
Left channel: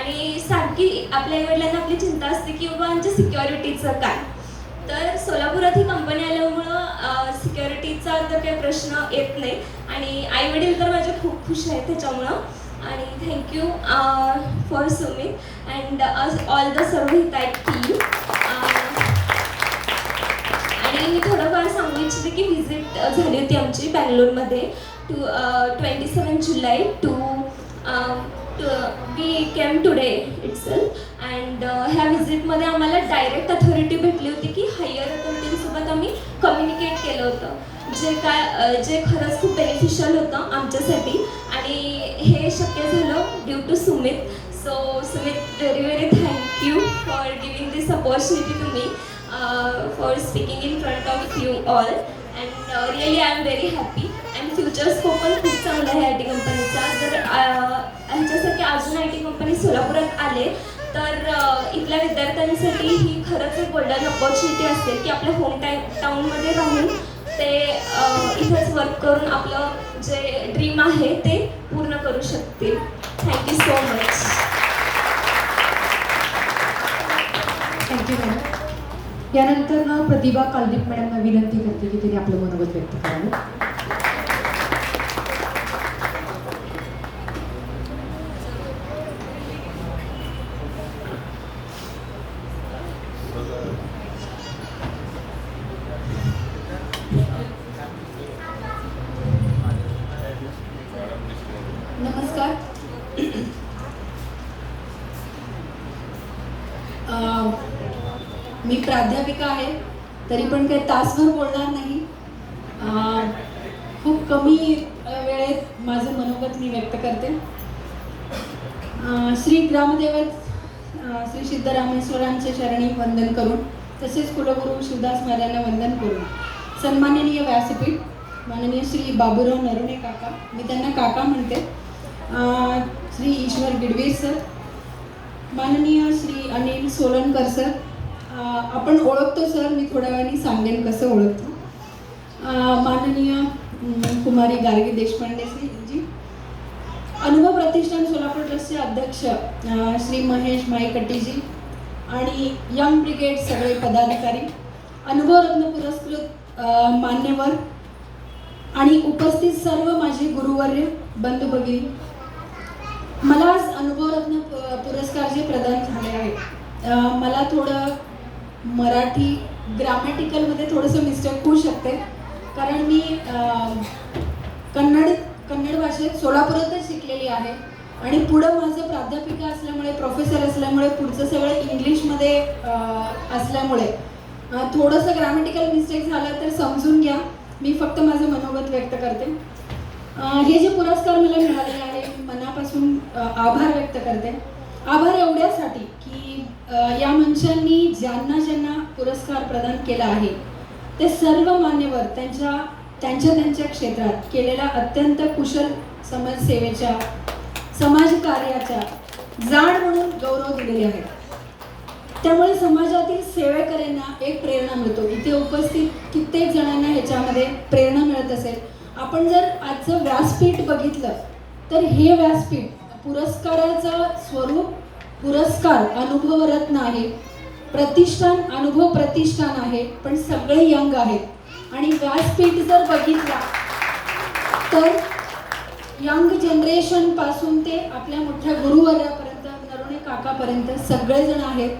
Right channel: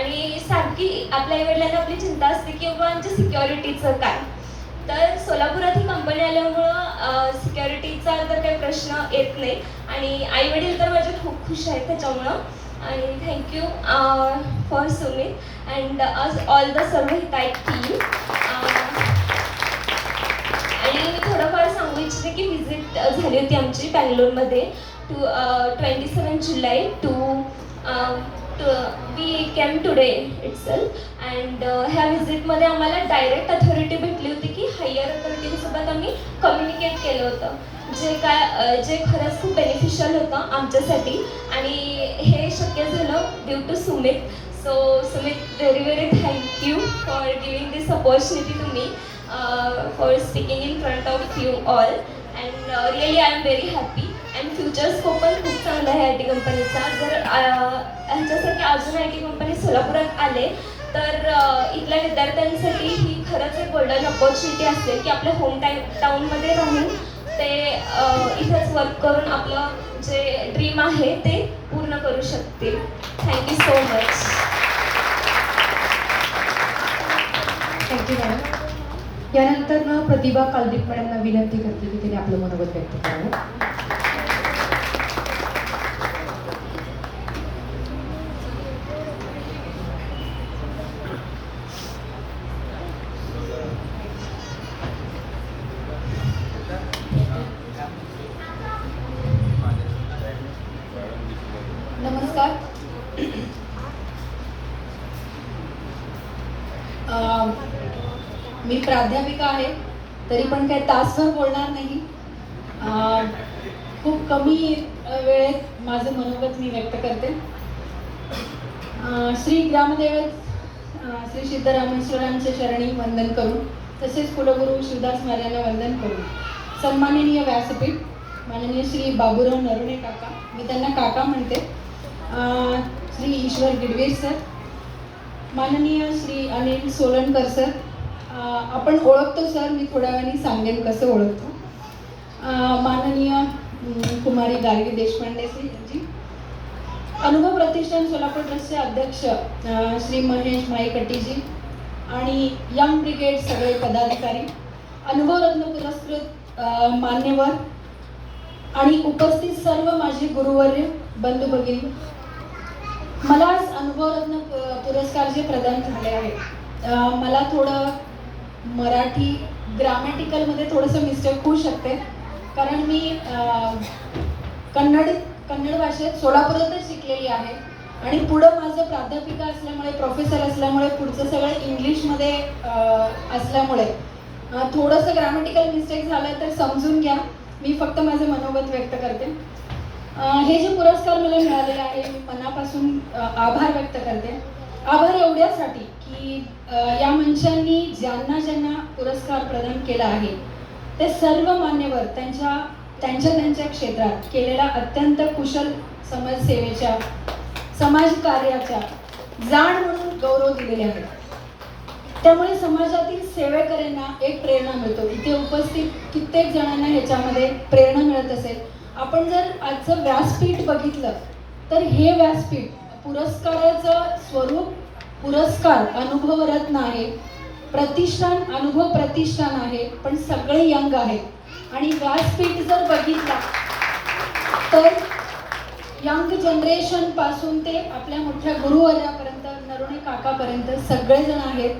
आणि सारखी आपल्या आईवडिलांना आपली चिंता असते की बाबा आमच्या सिक्युरिटीचं काय. तर सोलापुरात ही कंपनी आल्यामुळं सिक्युरिटीचा तर काही प्रश्न येत नाही. आणि आईवडील तर माझे खूप खुश आहेत त्याच्यामुळं. आणि thank you for Sumit and all the सर्व हितायत टीम. आणि मी थोडंफार सांगू इच्छिते की व्हिजिट झाली होती आमची बँगलोरमध्ये 27 जुलै to we came today itself. And ह्या व्हिजिटमध्ये आम्हाला डायरेक्ट अथॉरिटी भेटली होती की हायर अथॉरिटीसोबत आम्ही कम्युनिकेट केलं होतं, जे खरंच खूप बेनिफिशियल होतं आमच्यासाठी. आणि हे शक्य झालं due to Sumit. So Sumit, very thank you for giving this opportunity to me for speaking in front of you all. And really I am very happy. And future scope पण खूप चांगला आहे आय टी कंपनीचा. जर ह्याच्यासाठी अजून आय टी कंपनी सोलापुरात आले तर इथल्या विद्यार्थ्यांसाठी ही खरंच एक गोल्डन अपॉर्च्युनिटी असते की आपल्या होम टाऊनमध्ये राहून ते इथंच वर्क करून आपलं जे ड्रीम आहे ते पूर्ण करू शकतील. Thank you so much. Thank you madam. यानंतर ना प्रतिभा कालदीप मॅडमना विनंती करते की तिने आपलं मनोगत व्यक्त करावं. नमस्कार. मी प्राध्यापिका आहे, तरी पण काही तासभर बोलणार नाही. खूप कमी वेळेत माझं मनोगत मी व्यक्त करते. श्री ग्रामदैवत श्री सिद्धरामेश्वरांचे चरणी वंदन करून, तसेच कुलगुरू शिवदास महाराजांना वंदन करून, सन्माननीय व्यासपीठ माननीय श्री बाबूराव नरुणे काका, मी त्यांना काका म्हणते, श्री ईश्वर गिडवीर सर, माननीय श्री अनिल सोलनकर सर, आपण ओळखतो सर, मी थोड्या वेळाने सांगेन कसं ओळखतो, माननीय कुमारी गार्गी देशपांडे जी, अनुभव प्रतिष्ठान सोलापूर ट्रस्टचे अध्यक्ष श्री महेश माईकट्टीजी आणि यंग ब्रिगेड सगळे पदाधिकारी, अनुभवरत्न पुरस्कृत मान्यवर आणि उपस्थित सर्व माझे गुरुवर्य बंधू भगिनी. मला आज अनुभवरत्न पुरस्कार जे प्रदान झाले आहे, मला थोडं मराठी ग्रामॅटिकलमध्ये थोडंसं मिस्टेक होऊ शकते, कारण मी कन्नड भाषेत सोलापुरातच शिकलेली आहे आणि पुढं माझं प्राध्यापिका असल्यामुळे, प्रोफेसर असल्यामुळे, पुढचं सगळं इंग्लिशमध्ये असल्यामुळे थोडंसं ग्रामॅटिकल मिस्टेक झालं तर समजून घ्या. मी फक्त माझं मनोगत व्यक्त करते. हे जे पुरस्कार मला मिळालेले आहे, मी मनापासून आभार व्यक्त करते. आभार एवढ्यासाठी की या मंचांनी ज्यांना ज्यांना पुरस्कार प्रदान केला आहे ते सर्व मान्यवर त्यांच्या क्षेत्रात केलेल्या अत्यंत कुशल समाजसेवेच्या, समाजकार्याच्या जाण म्हणून गौरव दिलेले आहेत. त्यामुळे समाजातील सेवेकऱ्यांना एक प्रेरणा मिळतो. इथे उपस्थित कित्येक जणांना ह्याच्यामध्ये प्रेरणा मिळत असेल. आपण जर आजचं व्यासपीठ बघितलं तर हे व्यासपीठ पुरस्काराचं स्वरूप पुरस्कार अनुभवरत्न आहे, प्रतिष्ठान अनुभव प्रतिष्ठान आहे, पण सगळे यंग आहेत. आणि व्यासपीठ जर बघितला तर यंग जनरेशन पासून ते आपल्या मोठ्या गुरुवर्यापर्यंत, नरुणे काकापर्यंत सगळेजण आहेत.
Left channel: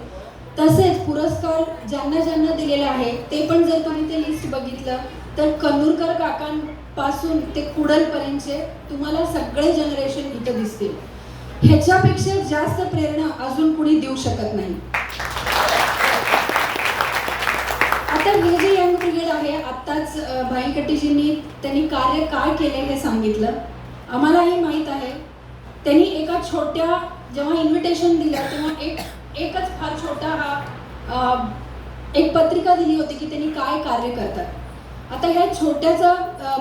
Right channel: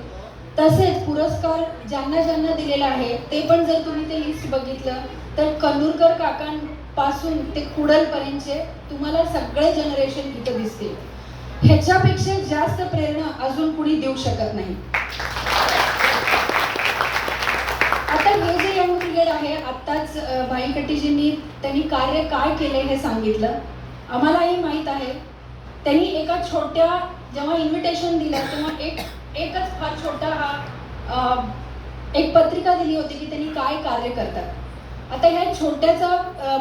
तसेच पुरस्कार ज्यांना ज्यांना दिलेले आहे ते पण जर तुम्ही ते लिस्ट बघितलं तर कन्नूरकर काकांपासून ते कुडलपर्यंतचे तुम्हाला सगळे जनरेशन इथं दिसतील. ह्याच्यापेक्षा जास्त प्रेरणा अजून कुणी देऊ शकत नाही. पिरियड आहे. आत्ताच भाई कट्टीजींनी त्यांनी कार्य काय केले हे सांगितलं. आम्हालाही माहीत आहे. त्यांनी एका छोट्या जेव्हा इन्व्हिटेशन दिला तेव्हा एकच फार छोटा हा एक पत्रिका दिली होती की त्यांनी काय कार्य करतात. आता ह्या छोट्याचा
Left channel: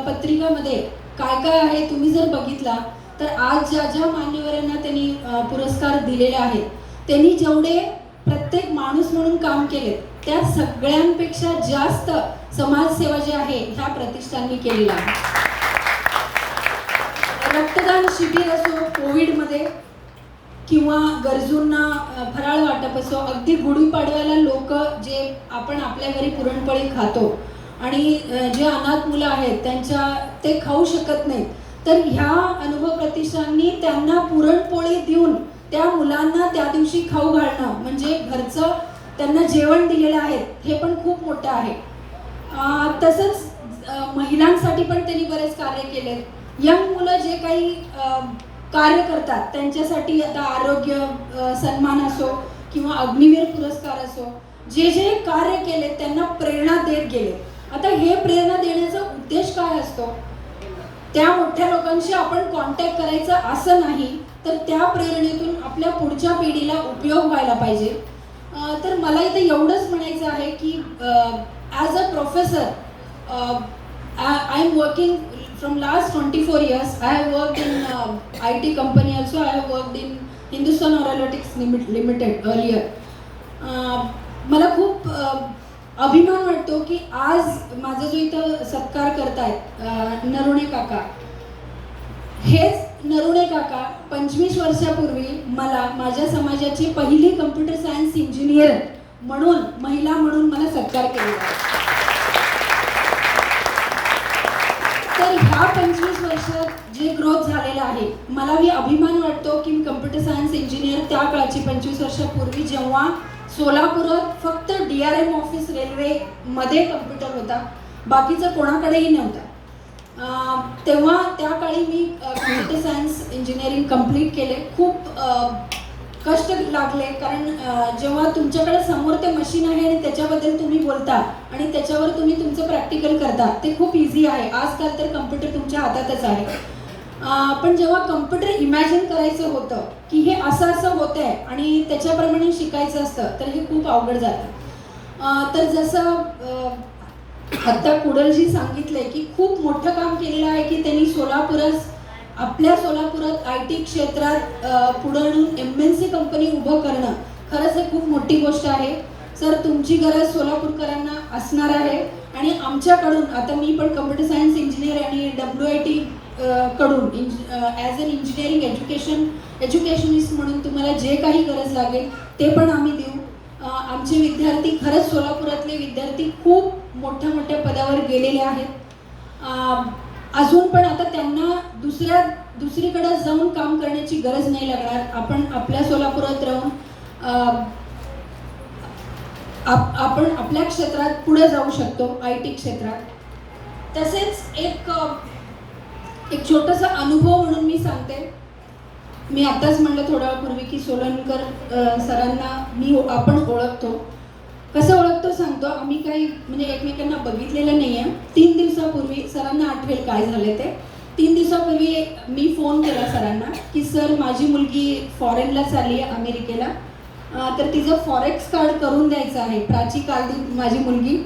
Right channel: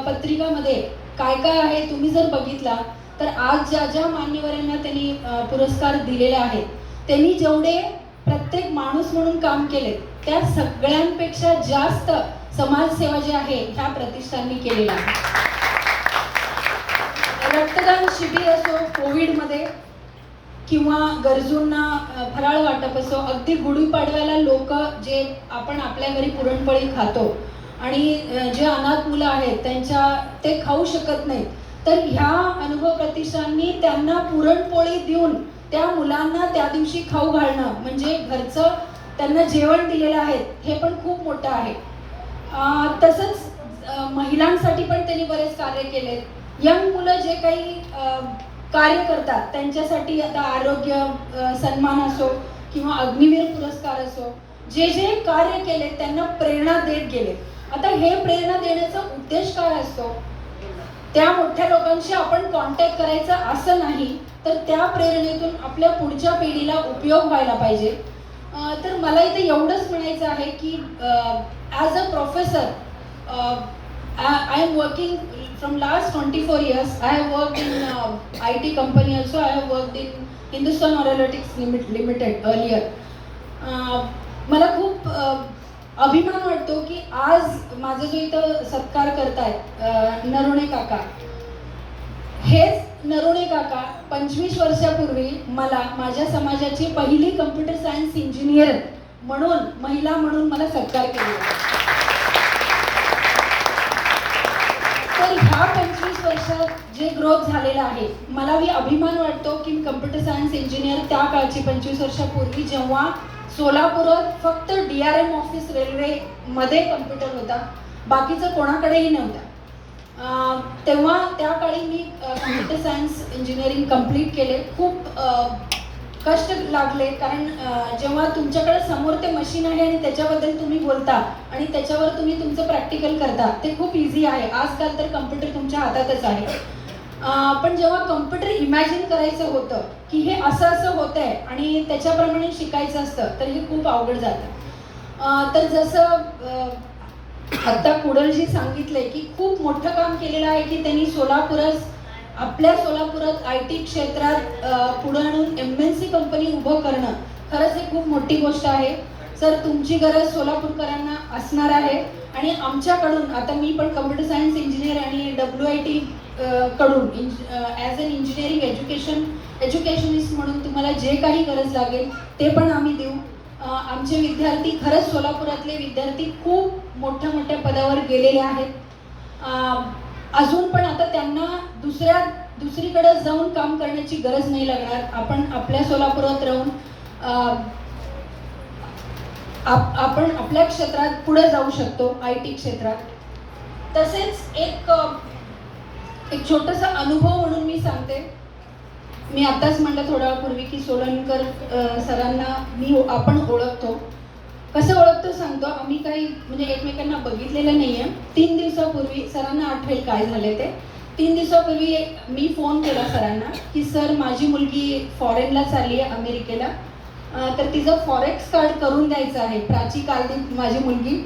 पत्रिकामध्ये काय काय आहे तुम्ही जर बघितला तर आज ज्या ज्या मान्यवरांना त्यांनी पुरस्कार दिलेले आहेत त्यांनी जेवढे प्रत्येक माणूस म्हणून काम केले त्या सगळ्यांपेक्षा जास्त समाजसेवा जी आहे ह्या प्रतिष्ठाननी केलेला आहे. रक्तदान शिबिर असो कोविडमध्ये किंवा गरजूंना फराळ वाटप असो, अगदी गुढीपाडव्याला लोक जे आपण आपल्या घरी पुरणपोळी खातो आणि जे अनाथ मुलं आहेत ते खाऊ शकत नाहीत तर ह्या अनुभव प्रतिष्ठाननी त्यांना पुरणपोळी देऊन त्या मुलांना त्या दिवशी खाऊ घालणं म्हणजे घरचं त्यांना जेवण दिलेलं आहे हे पण खूप मोठं आहे. तसंच महिलांसाठी पण त्यांनी बरेच कार्य केले. यंग मुलं जे काही कार्य करतात त्यांच्यासाठी आता आरोग्य सन्मान असो किंवा अग्निवीर पुरस्कार असो जे जे कार्य केले त्यांना प्रेरणा देत गेले. आता हे प्रेरणा देण्याचा उद्देश काय असतो? त्या मोठ्या लोकांशी आपण कॉन्टॅक्ट करायचं असं नाही तर त्या प्रेरणेतून आपल्या पुढच्या पिढीला उपयोग व्हायला पाहिजे. तर मला इथे एवढंच म्हणायचं आहे की as a professor I am working from last 24 years. I have worked in IT company also. I have worked in Hindustan Aeronautics Limited earlier. मला खूप अभिमान वाटतो की आज माझा जो इथं सत्कार करतायत नरुणे काका, हेच नरुणे काका 25 वर्षापूर्वी मला माझ्या समाजाची पहिली कम्प्युटर सायन्स इंजिनियर म्हणून महिला म्हणून मला सत्कार केला. तर ह्या 25 वर्षात जे ग्रोथ झालेला आहे मला अभिमान वाटतो की कम्प्युटर सायन्स इंजिनियर त्या काळची 25 वर्षापूर्वी जेव्हा सोलापुरात फक्त DRM ऑफिस रेल्वेमध्ये कम्प्युटर होता बाकीचं कोणाकडेही नव्हता तेव्हा त्या काळी मी कम्प्युटर सायन्स इंजिनिअरिंग कंप्लीट केले. खूप कष्ट लागले कारण जेव्हा तुमच्याकडे समोर ते मशीन आहे आणि त्याच्याबद्दल तुम्ही बोलता आणि त्याच्यावर तुम्ही तुमचं प्रॅक्टिकल करता ते खूप इझी आहे. आजकाल तर कम्प्युटर तुमच्या हातातच आहे. पण जेव्हा कम्प्युटर इमॅजिन करायचं होतं की हे असं असं होत आहे आणि त्याच्याप्रमाणे शिकायचं असतं तर हे खूप अवघड जातं. तर जसं आता कुडलजी सांगितलंय की खूप मोठं काम केलेलं आहे की त्यांनी आपल्या सोलापुरात IT क्षेत्रात पुढे आणून MNC कंपनी उभं करणं खरंच हे खूप मोठी गोष्ट आहे. सर तुमची गरज सोलापूरकरांना असणार आहे आणि आमच्याकडून आता मी पण कम्प्युटर सायन्स इंजिनियर आणि WIT कडून ॲज अन इंजिनिअरिंग एज्युकेशनिस्ट म्हणून तुम्हाला जे काही गरज लागेल ते पण आम्ही देऊ. आमचे विद्यार्थी खरंच सोलापुरातले विद्यार्थी खूप मोठ्या मोठ्या पदावर गेलेले आहेत. अजून पण आता त्यांना दुसरीकडे जाऊन काम करण्याची गरज नाही लागणार. आपण आपल्या सोलापुरात राहून आपण आपल्या क्षेत्रात पुढे जाऊ शकतो IT क्षेत्रात. तसेच एक छोटासा अनुभव म्हणून मी सांगते. मी आताच म्हणलं थोड्या वेळापूर्वी की सोलनकर सरांना आपण ओळखतो. कसं ओळखतो सांगतो. आम्ही काही म्हणजे एकमेकांना बघितलेलं नाही आहे. 3 दिवसापूर्वी सरांना आठवेल काय झाले ते. 3 दिवसापूर्वी मी फोन केला सरांना की सर माझी मुलगी फॉरेनला चालली आहे अमेरिकेला तर तिचं फॉरेक्स कार्ड करून द्यायचं आहे. प्राची काल माझी मुलगी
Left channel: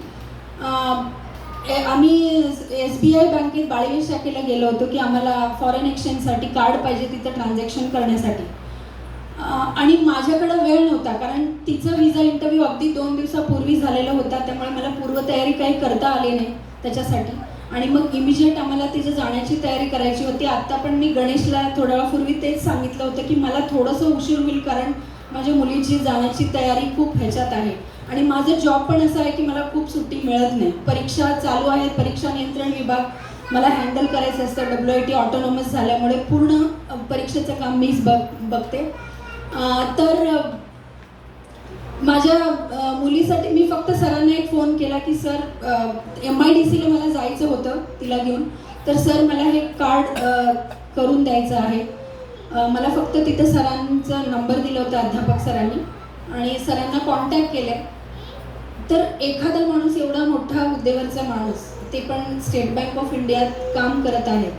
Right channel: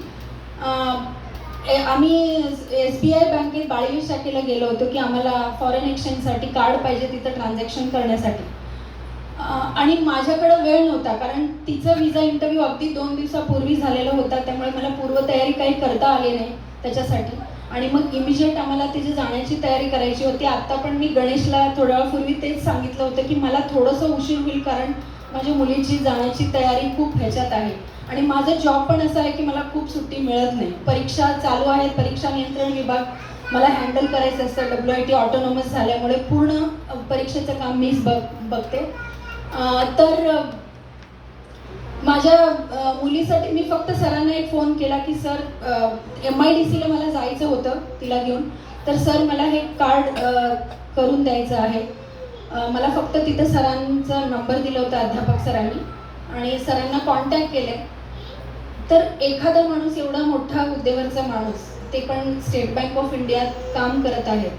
आम्ही SBI बँकेत बाळीवी शाखेला गेलो होतो की आम्हाला फॉरेन एक्सचेंजसाठी कार्ड पाहिजे तिथं ट्रान्झॅक्शन करण्यासाठी आणि माझ्याकडं वेळ नव्हता कारण तिचं विजा इंटरव्ह्यू अगदी 2 दिवसापूर्वी झालेला होता त्यामुळे मला पूर्वतयारी काही करता आली नाही त्याच्यासाठी आणि मग इमिजिएट आम्हाला तिची जाण्याची तयारी करायची होती. आत्ता पण मी गणेशला थोड्या वेळापूर्वी तेच सांगितलं होतं की मला थोडंसं उशीर होईल कारण माझ्या मुलीची जाण्याची तयारी खूप ह्याच्यात आहे आणि माझा जॉब पण असा आहे की मला खूप सुट्टी मिळत नाही. परीक्षा चालू आहेत. परीक्षा नियंत्रण विभाग मला हँडल करायचं असतं. WIT ऑटोनॉमस झाल्यामुळे पूर्ण परीक्षेचं काम मीच बघते. तर माझ्या मुलीसाठी मी फक्त सरांना एक फोन केला की सर MIDCला मला जायचं होतं तिला घेऊन तर सर मला हे कार्ड करून द्यायचं आहे. मला फक्त तिथं सरांचा नंबर दिला होता अध्यापक सरांनी आणि सरांना कॉन्टॅक्ट केले. तर एखादा माणूस एवढा मोठा हुद्द्यावरचा माणूस ते पण स्टेट बँक ऑफ इंडियात काम करत आहे,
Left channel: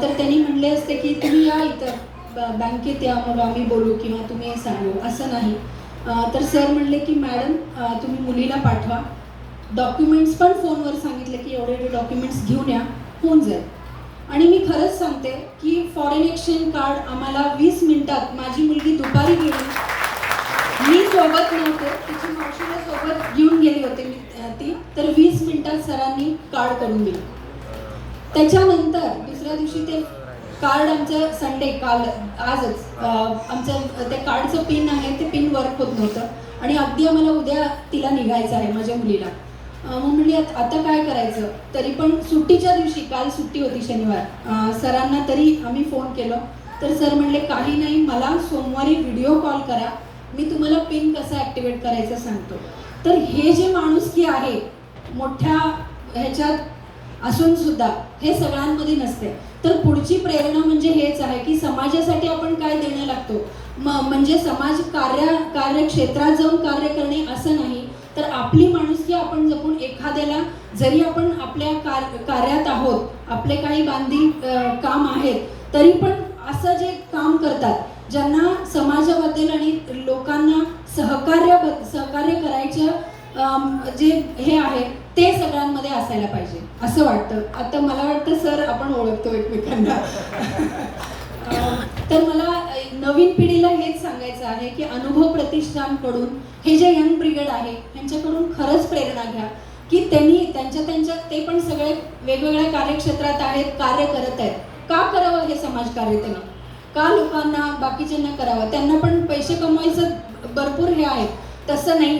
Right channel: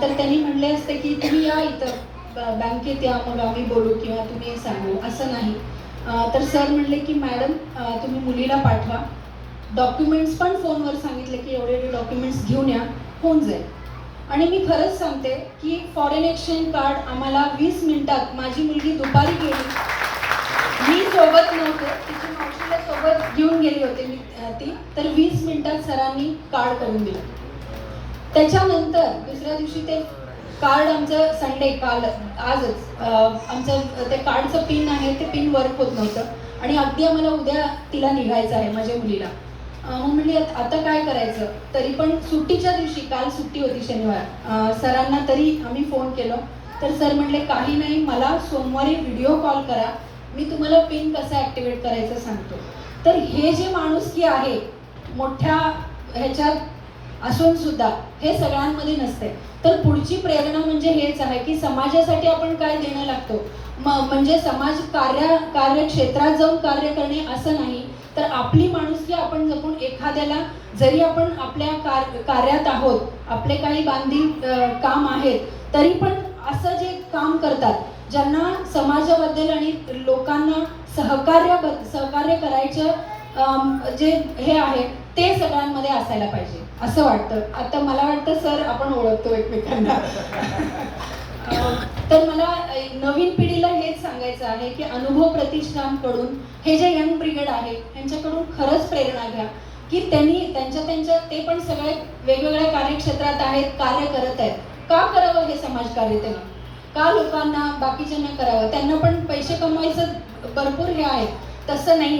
तर त्यांनी म्हणले असते की तुम्ही या इथं बँकेत या, मग आम्ही बोलू किंवा तुम्ही सांगू, असं नाही. तर सर म्हणले की मॅडम तुम्ही मुलीला पाठवा, डॉक्युमेंट्स पण फोनवर सांगितले की एवढे डॉक्युमेंट्स घेऊन या, होऊन जाईल. आणि मी खरंच सांगते की फॉरेन एक्सचेंज कार्ड आम्हाला 20 मिनिटात, माझी मुलगी दुपारी गेली, मी सोबत नव्हते, तिची मावशीला सोबत घेऊन गेली होती ती, तर 20 मिनिटात सरांनी कार्ड करून दिलं. त्याच्यानंतर दुसऱ्या दिवशी ते कार्ड आमचं संडे आजच आमचं ते कार्डचं पिन आहे ते पिन वर्क होत नव्हतं आणि अगदी आम्हाला उद्या तिला निघायचं आहे माझ्या मुलीला. मग म्हणली आता काय करायचं, तरी पण सुट्टीच्या दिवशी, काल सुट्टी होती शनिवार, सरांना तरी आम्ही फोन केलं, तर सर म्हणले काही नाही, मला सोमवारी व्हिडिओ कॉल करा, मी तुम्हाला पिन कसं ॲक्टिवेट करायचं सांगतो. तर हे जे माणुसकी आहे मोठ्या ह्याच्यात असून सुद्धा हे सगळ्यांमध्ये नसते. तर पुढची प्रेरणा म्हणजे हेच आहे की समाजासाठी आपण काय देणं लागतो, म्हणजे समाज कार्यक्षेत्रात जाऊन कार्य करणे असं नाही, तर आपली माणुसकी आपण जपून एखाद्याला, जरी आपण आपल्या कार्यात आहोत, आपले काही बांधील काम आहेत, तरी पण असं जे काम करतात ज्यांना समाजाबद्दल आणि लोकांना सहकार्य करायचं जे हे आहे ते सगळ्यांमध्ये असायला पाहिजे असं वाटतं. आता मला वाटतं सर आपण ओळखतो एकमेकांना. तर मला नवीन पिढीला हेच सांगायचं आहे की अनुभव प्रतिष्ठानकडून हे जे यंग ब्रिगेड आहे त्यांच्याकडून खरंच प्रेरणा घ्या की त्यांनी त्यांच्या ते पण सगळे वेगवेगळ्या कार्यक्षेत्रात आहेत, कार्य करत आहेत. का करावं हे समाजकार्य त्यांनी, का लोकांना बाकीच्यांना करावं, त्यांना पण पैसे कमवायचं भरपूर हे आहे, तसं नाही आहे.